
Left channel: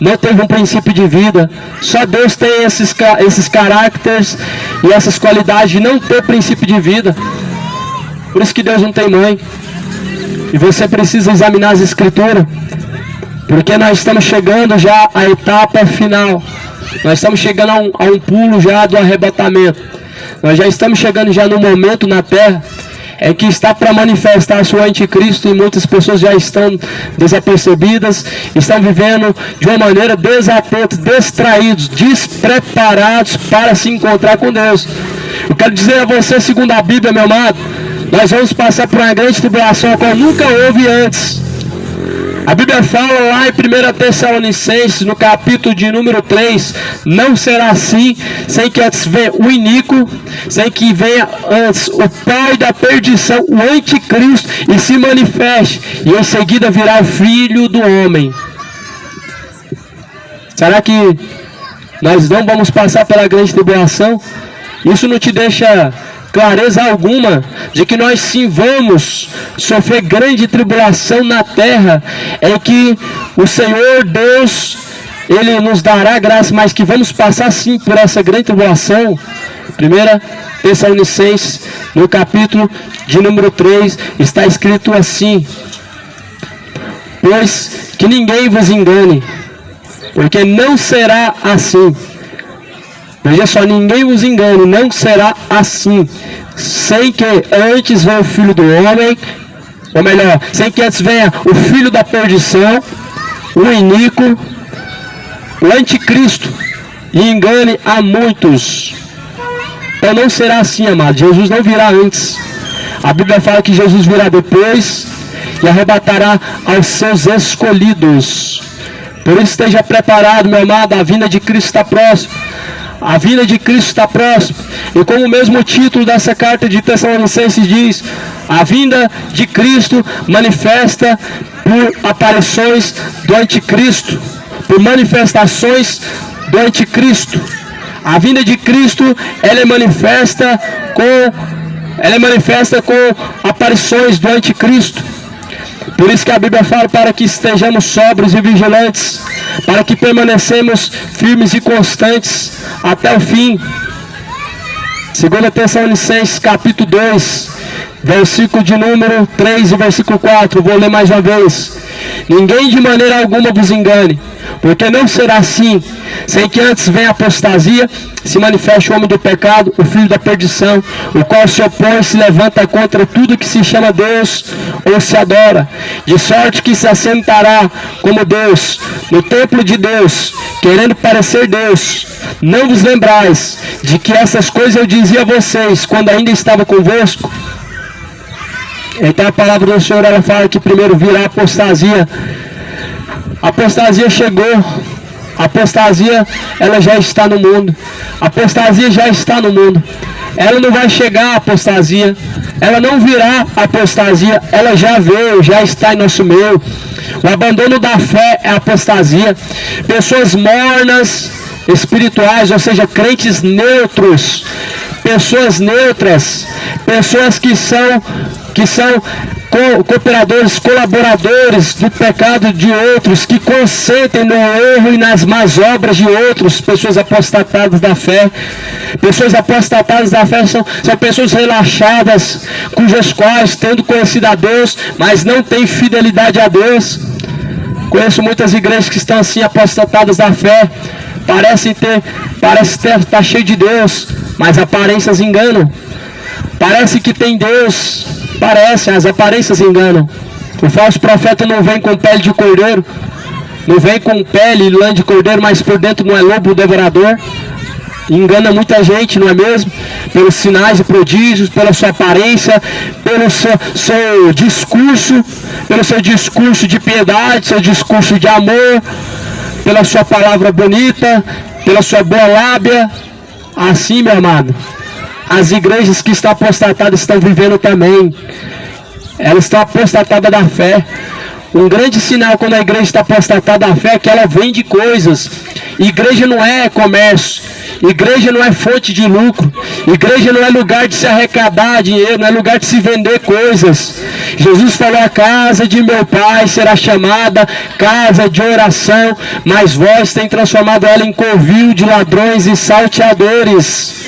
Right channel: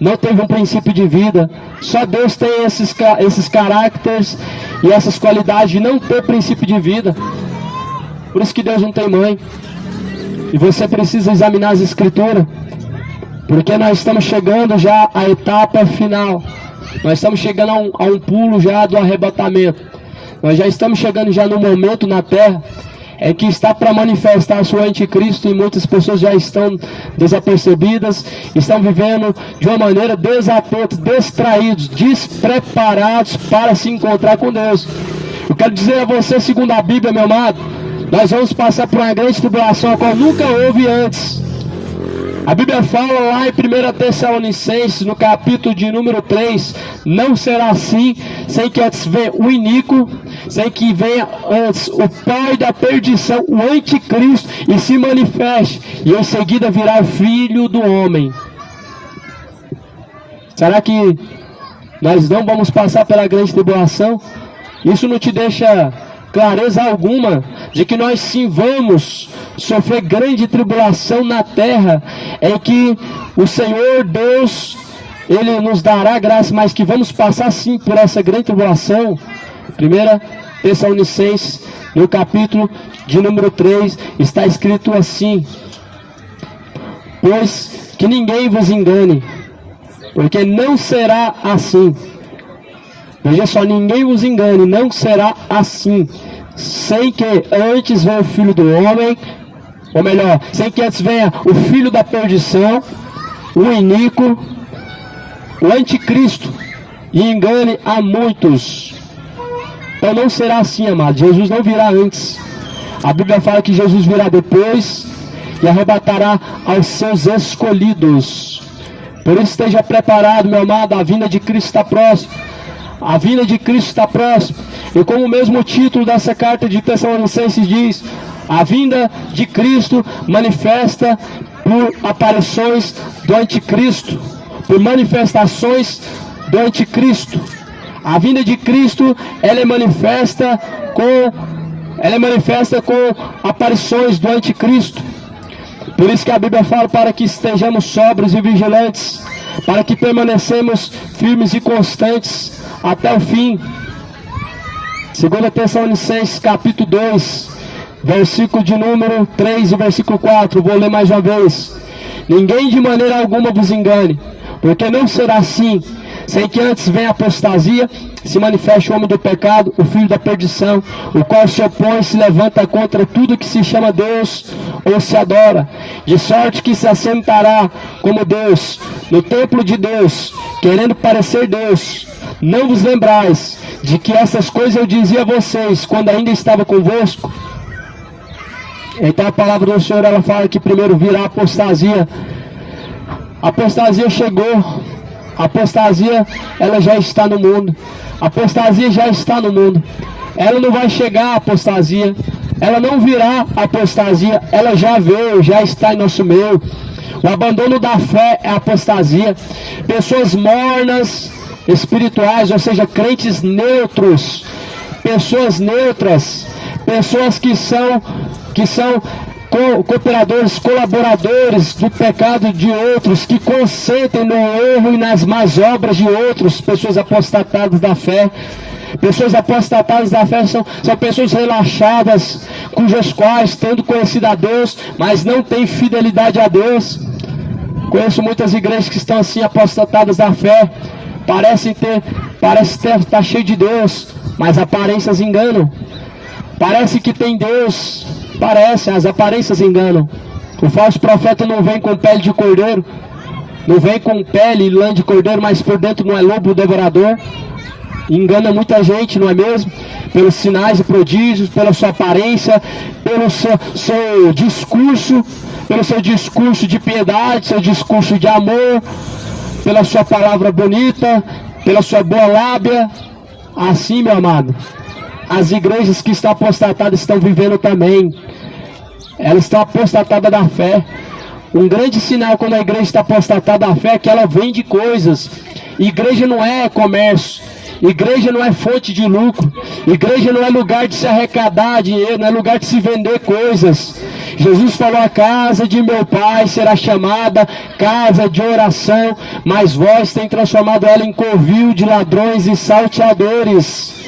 não teve um princípio de vida. Só Deus tem esses caracteres e essas qualidades de não ter princípio de vida. Por isso que Deus não tem mãe. E você precisa examinar as Escrituras, porque nós estamos chegando já à etapa final. Nós estamos chegando a um pulo já do arrebatamento. Nós já estamos chegando já no momento na Terra é que está para manifestar-se o anticristo e muitas pessoas já estão desapercebidas, estão vivendo de uma maneira desatentos, distraídos, despreparados para se encontrar com Deus. Eu quero dizer a você, segundo a Bíblia, meu amado, nós vamos passar por uma grande tribulação a qual nunca houve antes. A Bíblia fala lá em 1 Tessalonicenses, no capítulo de número 3, não será assim, sem que antes venha o iníquo, sem que venha antes o pai da perdição, o anticristo, e se manifeste, e em seguida virá o filho do homem. Será que nós não vamos passar pela grande tribulação? Isso não te deixa clareza alguma de que nós sim vamos sofrer grande tribulação na terra, é que o Senhor Deus, Ele nos dará graça, mas que vamos passar sim por essa grande tribulação. 1 Tessalonicenses, no capítulo de número 3, está escrito assim: pois que ninguém vos engane, porque não será assim. Veja só, ninguém vos engane, não será assim, sem que antes venha o filho do homem, ou melhor, sem que antes venha o filho da perdição, o iníquo, o anticristo, e engane a muitos. Então não será assim, amado. Jesus não virá antes. A Bíblia fala que Jesus virá depois e arrebatará aos seus escolhidos. Por isso esteja preparado, meu amado, a vinda de Cristo está próxima. A vinda de Cristo está próxima. E como o mesmo título dessa carta de Tessalonicenses diz, a vinda de Cristo manifesta por aparições do anticristo, por manifestações do anticristo. A vinda de Cristo, ela é manifesta com aparições do anticristo. Por isso que a Bíblia fala para que estejamos sóbrios e vigilantes, para que permanecemos firmes e constantes até o fim. 2 Tessalonicenses capítulo 2, versículo de número 3 e versículo 4, vou ler mais uma vez. Ninguém de maneira alguma vos engane, porque não será assim, sem que antes venha a apostasia, se manifeste o homem do pecado, o filho da perdição, o qual se opõe e se levanta contra tudo que se chama Deus ou se adora, de sorte que se assentará como Deus no templo de Deus, querendo parecer Deus. Não vos lembrais de que essas coisas eu dizia a vocês quando ainda estava convosco? Então a palavra do Senhor, ela fala que primeiro virá a apostasia. A apostasia chegou. A apostasia, ela já está no mundo. A apostasia já está no mundo. Ela não vai chegar a apostasia. Ela não virá a apostasia. Ela já veio, já está em nosso meio. O abandono da fé é a apostasia. Pessoas mornas, espirituais, ou seja, crentes neutros. Pessoas neutras. Pessoas que são cooperadores, colaboradores do pecado de outros, que consentem no erro e nas más obras de outros. Pessoas apostatadas da fé. Pessoas apostatadas da fé são pessoas relaxadas, cujas quais, tendo conhecido a Deus, mas não têm fidelidade a Deus. Conheço muitas igrejas que estão assim, apostatadas da fé. Parece estar cheio de Deus, mas aparências enganam. Parece que tem Deus, as aparências enganam. O falso profeta não vem com pele de cordeiro, não vem com pele e lã de cordeiro, mas por dentro não é lobo devorador. Engana muita gente, não é mesmo? Pelos sinais e prodígios, pela sua aparência, pelo seu discurso de piedade, seu discurso de amor, pela sua palavra bonita, pela sua boa lábia. Assim, meu amado, as igrejas que estão apostatadas estão vivendo também. Elas estão apostatadas da fé. Um grande sinal quando a igreja está apostatada da fé é que ela vende coisas. Igreja não é comércio. Igreja não é fonte de lucro. Igreja não é lugar de se arrecadar dinheiro, não é lugar de se vender coisas. Jesus falou: a casa de meu pai será chamada casa de oração, mas vós tem transformado ela em covil de ladrões e salteadores.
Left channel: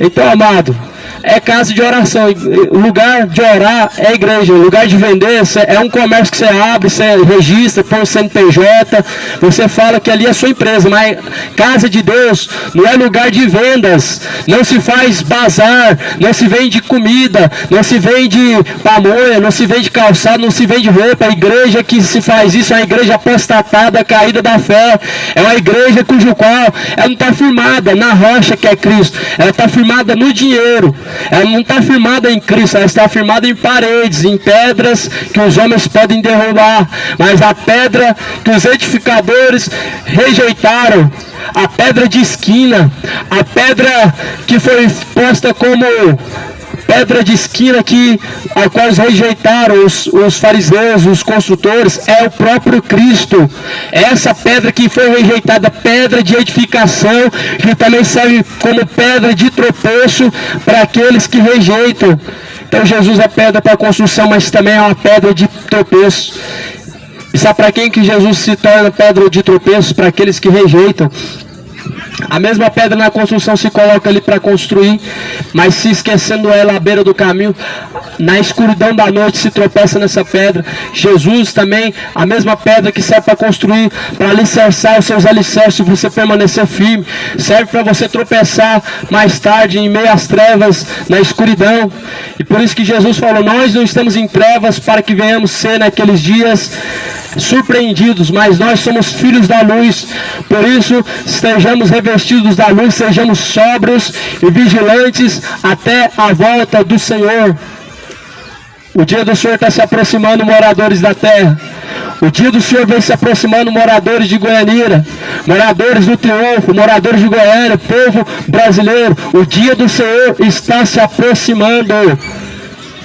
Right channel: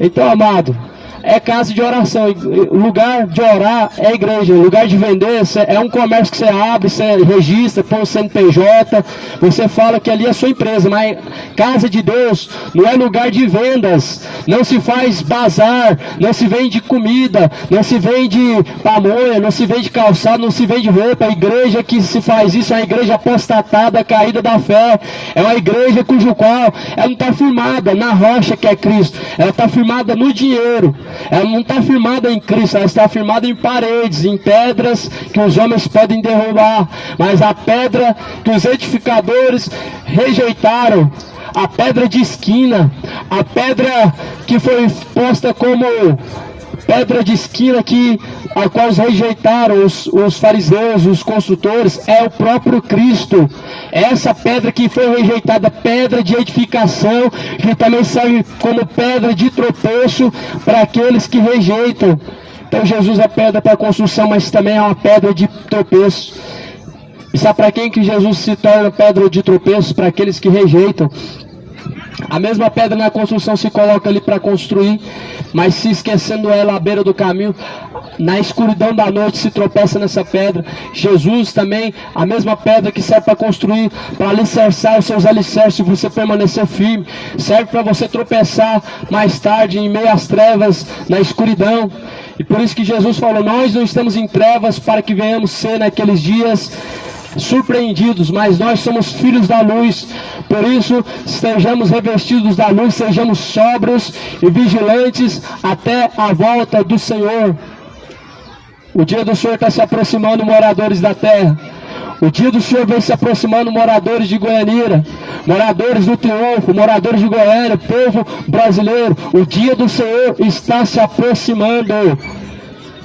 Então, amado, é casa de oração. Lugar de orar é igreja. Lugar de vender é um comércio que você abre, você registra, põe o CNPJ, você fala que ali é a sua empresa. Mas casa de Deus não é lugar de vendas. Não se faz bazar, não se vende comida, não se vende pamonha, não se vende calçado, não se vende roupa. A igreja que se faz isso é uma igreja apostatada, caída da fé. É uma igreja cujo qual ela não está firmada na rocha que é Cristo. Ela está firmada no dinheiro. Ela não está firmada em Cristo, ela está firmada em paredes, em pedras que os homens podem derrubar. Mas a pedra que os edificadores rejeitaram, a pedra de esquina, a pedra que foi posta como pedra de esquina a qual rejeitaram os fariseus, os construtores, é o próprio Cristo. Essa pedra que foi rejeitada, pedra de edificação, que também serve como pedra de tropeço para aqueles que rejeitam. Então Jesus é pedra para a construção, mas também é uma pedra de tropeço. E sabe para quem que Jesus se torna pedra de tropeço? Para aqueles que rejeitam. A mesma pedra na construção se coloca ali para construir, mas se esquecendo ela à beira do caminho, na escuridão da noite se tropeça nessa pedra. Jesus também, a mesma pedra que serve para construir, para alicerçar os seus alicerces, você permanecer firme, serve para você tropeçar mais tarde em meio às trevas, na escuridão. E por isso que Jesus falou, nós não estamos em trevas para que venhamos ser naqueles dias surpreendidos, mas nós somos filhos da luz. Por isso estejamos revestidos da luz, sejamos sóbrios e vigilantes até a volta do Senhor. O dia do Senhor está se aproximando, moradores da terra. O dia do Senhor vem se aproximando, moradores de Goianira, moradores do Triunfo, moradores de Goiânia, povo brasileiro. O dia do Senhor está se aproximando.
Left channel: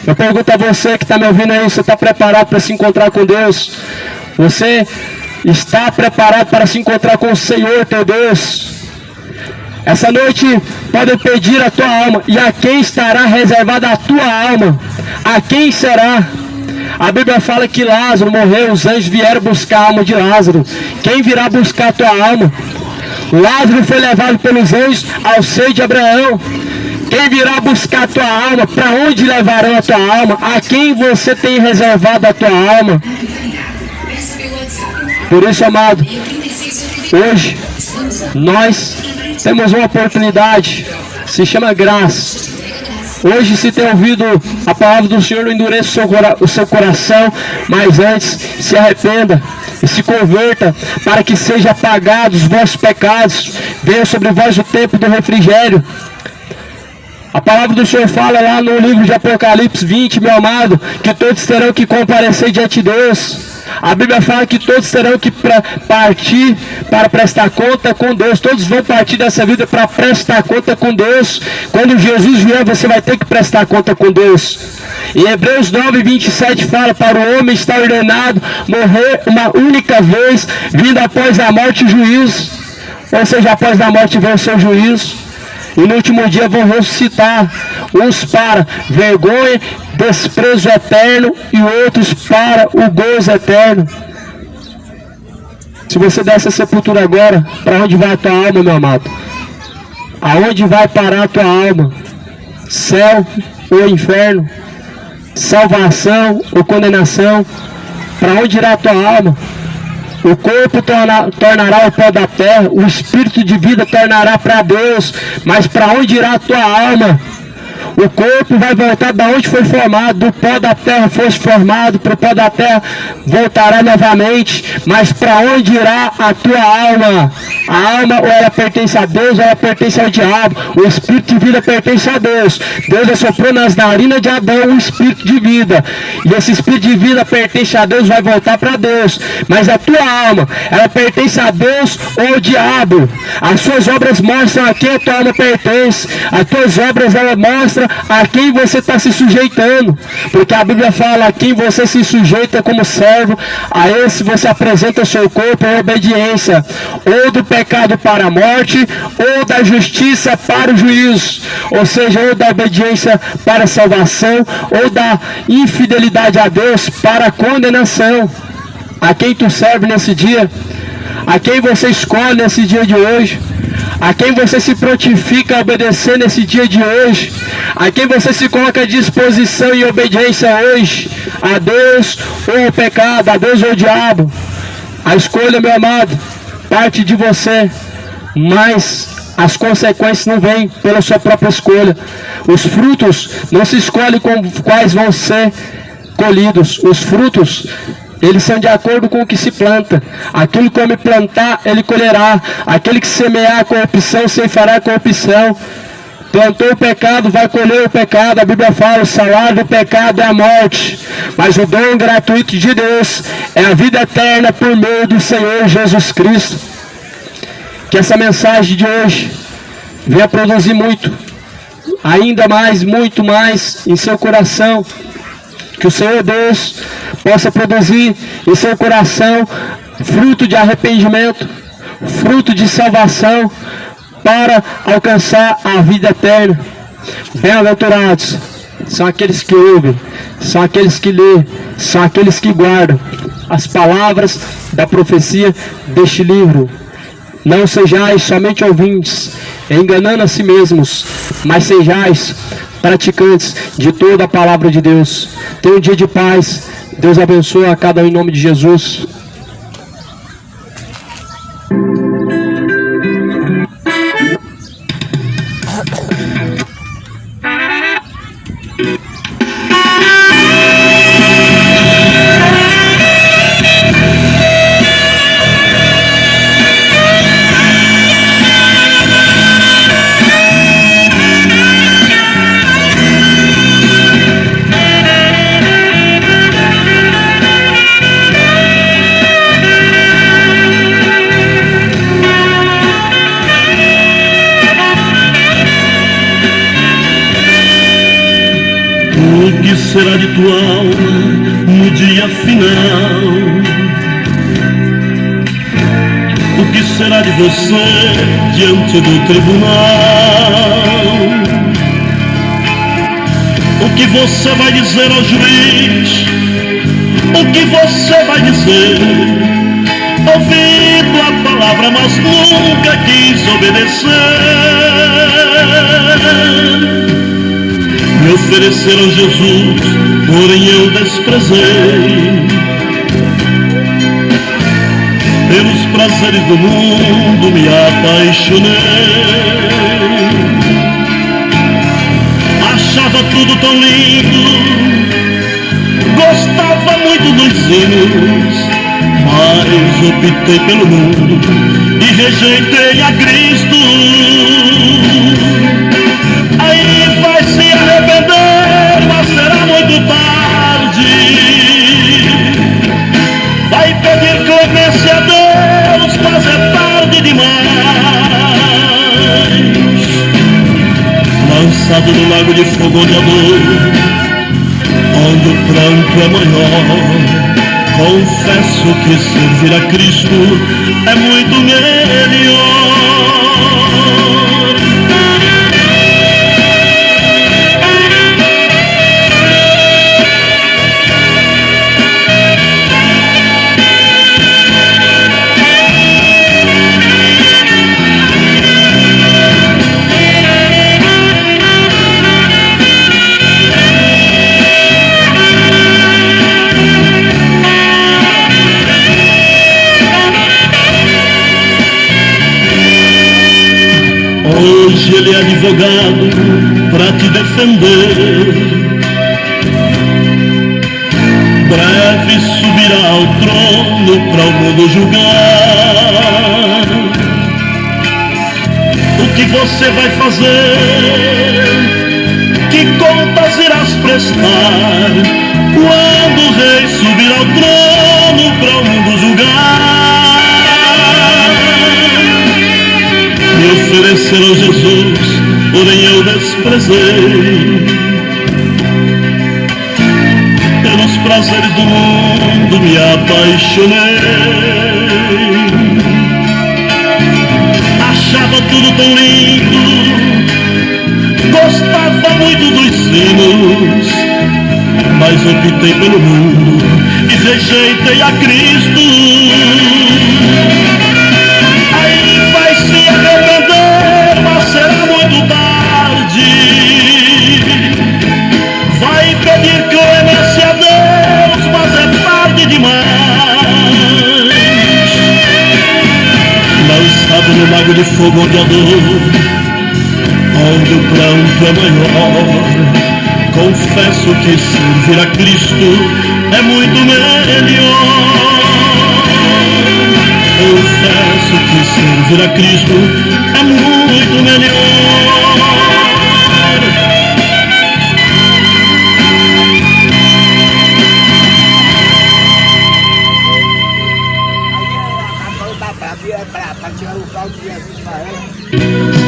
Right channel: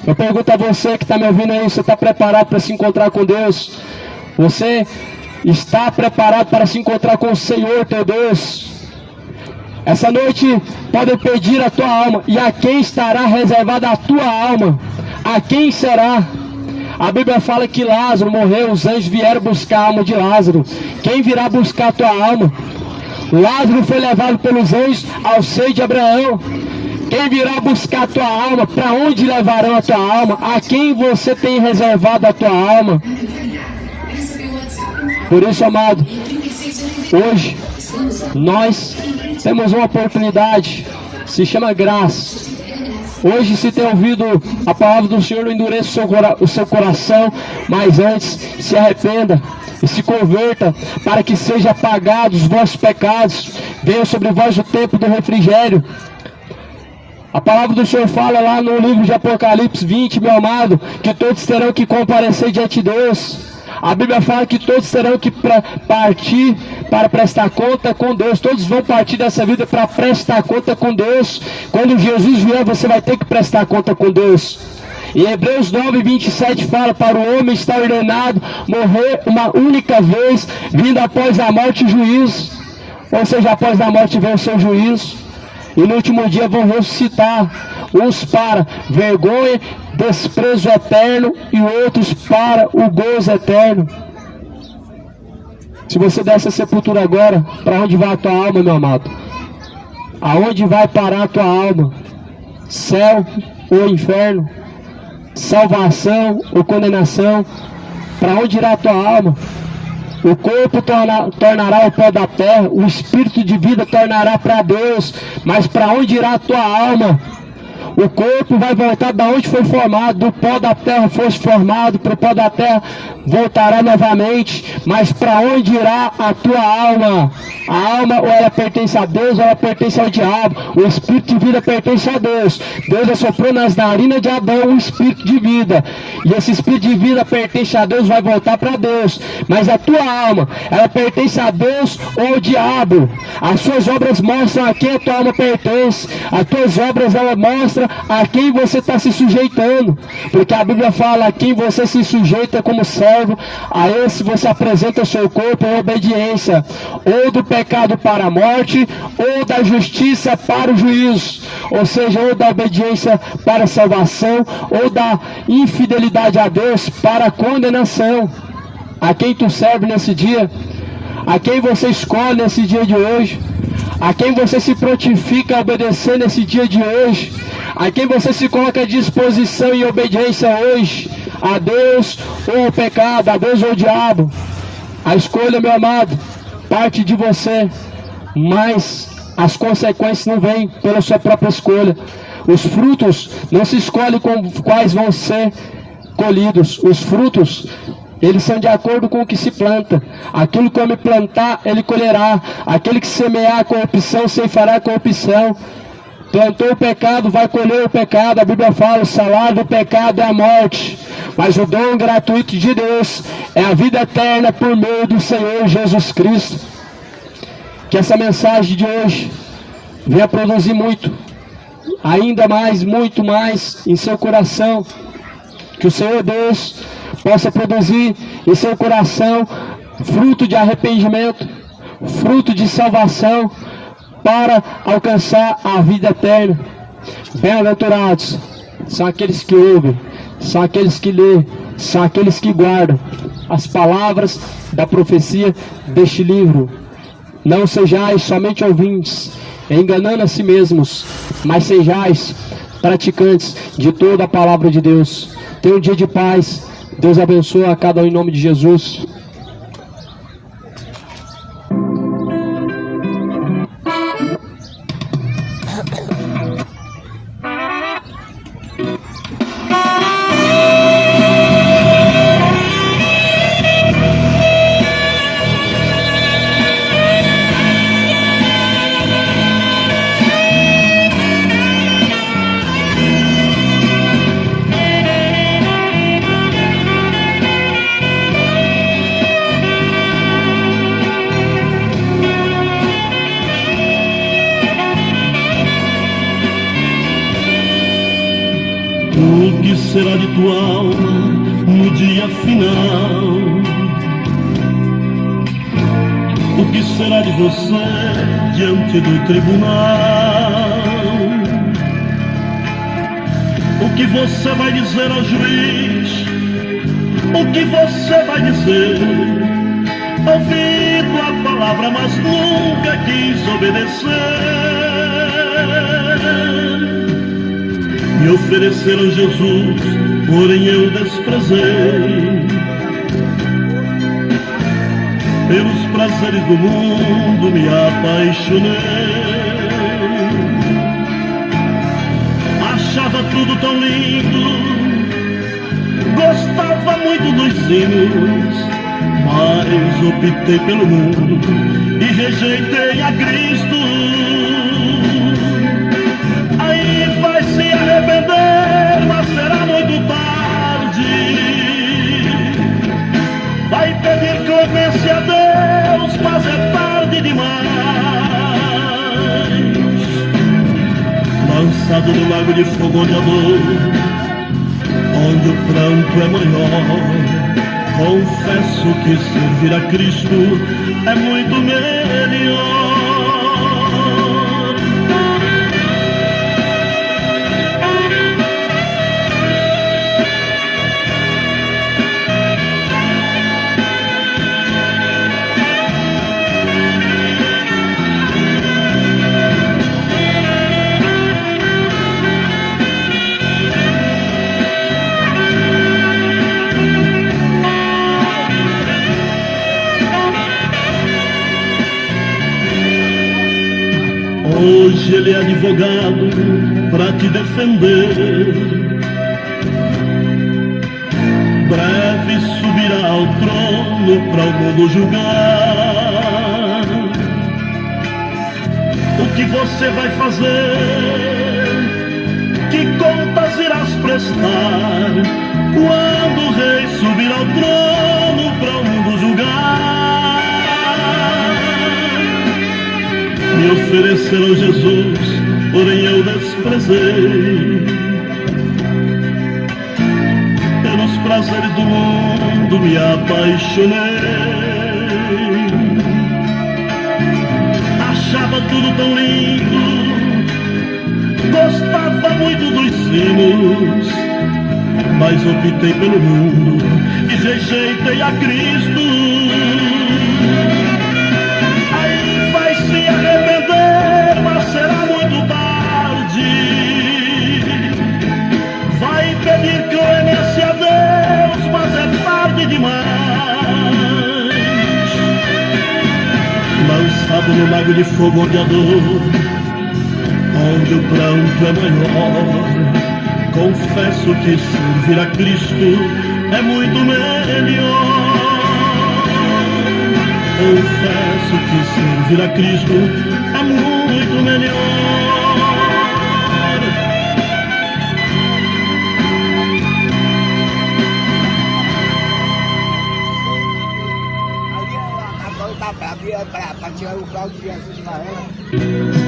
Eu pergunto a você que está me ouvindo aí, você está preparado para se encontrar com Deus? Você está preparado para se encontrar com o Senhor, teu Deus? Essa noite pode pedir a tua alma. E a quem estará reservada a tua alma? A quem será? A Bíblia fala que Lázaro morreu, os anjos vieram buscar a alma de Lázaro. Quem virá buscar a tua alma? Lázaro foi levado pelos anjos ao seio de Abraão. Quem virá buscar a tua alma? Para onde levarão a tua alma? A quem você tem reservado a tua alma? Por isso, amado, hoje nós temos uma oportunidade, se chama graça. Hoje, se tem ouvido a palavra do Senhor, não endureça o seu coração, mas antes se arrependa e se converta, para que sejam apagados os vossos pecados, venha sobre vós o tempo do refrigério. A palavra do Senhor fala lá no livro de Apocalipse 20, meu amado, que todos terão que comparecer diante de Deus. A Bíblia fala que todos terão que partir para prestar conta com Deus. Todos vão partir dessa vida para prestar conta com Deus. Quando Jesus vier, você vai ter que prestar conta com Deus. Em Hebreus 9, 27 fala, para o homem está ordenado morrer uma única vez, vindo após a morte o juízo. Ou seja, após a morte vem o seu juízo. E no último dia vão ressuscitar, uns para vergonha, desprezo eterno, e outros para o gozo eterno. Se você der essa sepultura agora, para onde vai a tua alma, meu amado? Aonde vai parar a tua alma? Céu ou inferno? Salvação ou condenação? Para onde irá a tua alma? O corpo tornará o pó da terra, o espírito de vida tornará para Deus, mas para onde irá a tua alma? O corpo vai voltar da onde foi formado, do pó da terra fosse formado, para o pó da terra voltará novamente, mas para onde irá a tua alma? A alma ou ela pertence a Deus ou ela pertence ao diabo. O espírito de vida pertence a Deus. Deus assoprou nas narinas de Adão um espírito de vida, e esse espírito de vida pertence a Deus, vai voltar para Deus. Mas a tua alma, ela pertence a Deus ou ao diabo? As suas obras mostram a quem a tua alma pertence. As tuas obras, ela mostra a quem você está se sujeitando, porque a Bíblia fala: a quem você se sujeita como servo, a esse você apresenta o seu corpo em obediência, ou do pecado para a morte, ou da justiça para o juízo, ou seja, ou da obediência para a salvação, ou da infidelidade a Deus para a condenação. A quem tu serve nesse dia? A quem você escolhe nesse dia de hoje? a quem você se prontifica a obedecer nesse dia de hoje, a quem você se coloca à disposição e obediência hoje, a Deus ou ao pecado, a Deus ou ao diabo. A escolha, meu amado, parte de você, mas as consequências não vêm pela sua própria escolha. Os frutos não se escolhem com quais vão ser colhidos. Os frutos, eles são de acordo com o que se planta. Aquilo que homem plantar, ele colherá. Aquele que semear a corrupção, ceifará a corrupção. Plantou o pecado, vai colher o pecado. A Bíblia fala, o salário do pecado é a morte, mas o dom gratuito de Deus é a vida eterna por meio do Senhor Jesus Cristo. Que essa mensagem de hoje venha produzir muito, ainda mais, muito mais em seu coração. Que o Senhor Deus possa produzir em seu coração fruto de arrependimento, fruto de salvação, para alcançar a vida eterna. Bem-aventurados são aqueles que ouvem, são aqueles que lêem, são aqueles que guardam as palavras da profecia deste livro. Não sejais somente ouvintes, enganando a si mesmos, mas sejais praticantes de toda a palavra de Deus. Tenha um dia de paz. Deus abençoe a cada um em nome de Jesus. O que será de tua alma no dia final? O que será de você diante do tribunal? O que você vai dizer ao juiz? O que você vai dizer? Ouvindo a palavra, mas nunca quis obedecer. Me ofereceram Jesus, porém eu desprezei. Pelos prazeres do mundo me apaixonei. Achava tudo tão lindo, gostava muito dos hinos, mas optei pelo mundo e rejeitei a Cristo. Aí vai se arrepender, mas será muito tarde. Vai pedir clemência a Deus, mas é tarde demais. Lançado no lago de fogo de amor, onde o pranto é maior, confesso que servir a Cristo é muito melhor. Hoje ele é advogado pra te defender. Breve subirá ao trono pra o mundo julgar. O que você vai fazer? Que contas irás prestar quando o rei subir ao trono pra o mundo julgar? Me ofereceram Jesus, porém eu desprezei. Pelos prazeres do mundo me apaixonei. Achava tudo tão lindo, gostava muito dos hinos, mas optei pelo mundo e rejeitei a Cristo. Aí vai se arrepender, lago de fogo onde a dor, onde o pranto é maior. Confesso que servir a Cristo é muito melhor. Confesso que servir a Cristo é muito melhor. Aqui é a capão da Bravia para tirar o pau de Jesus.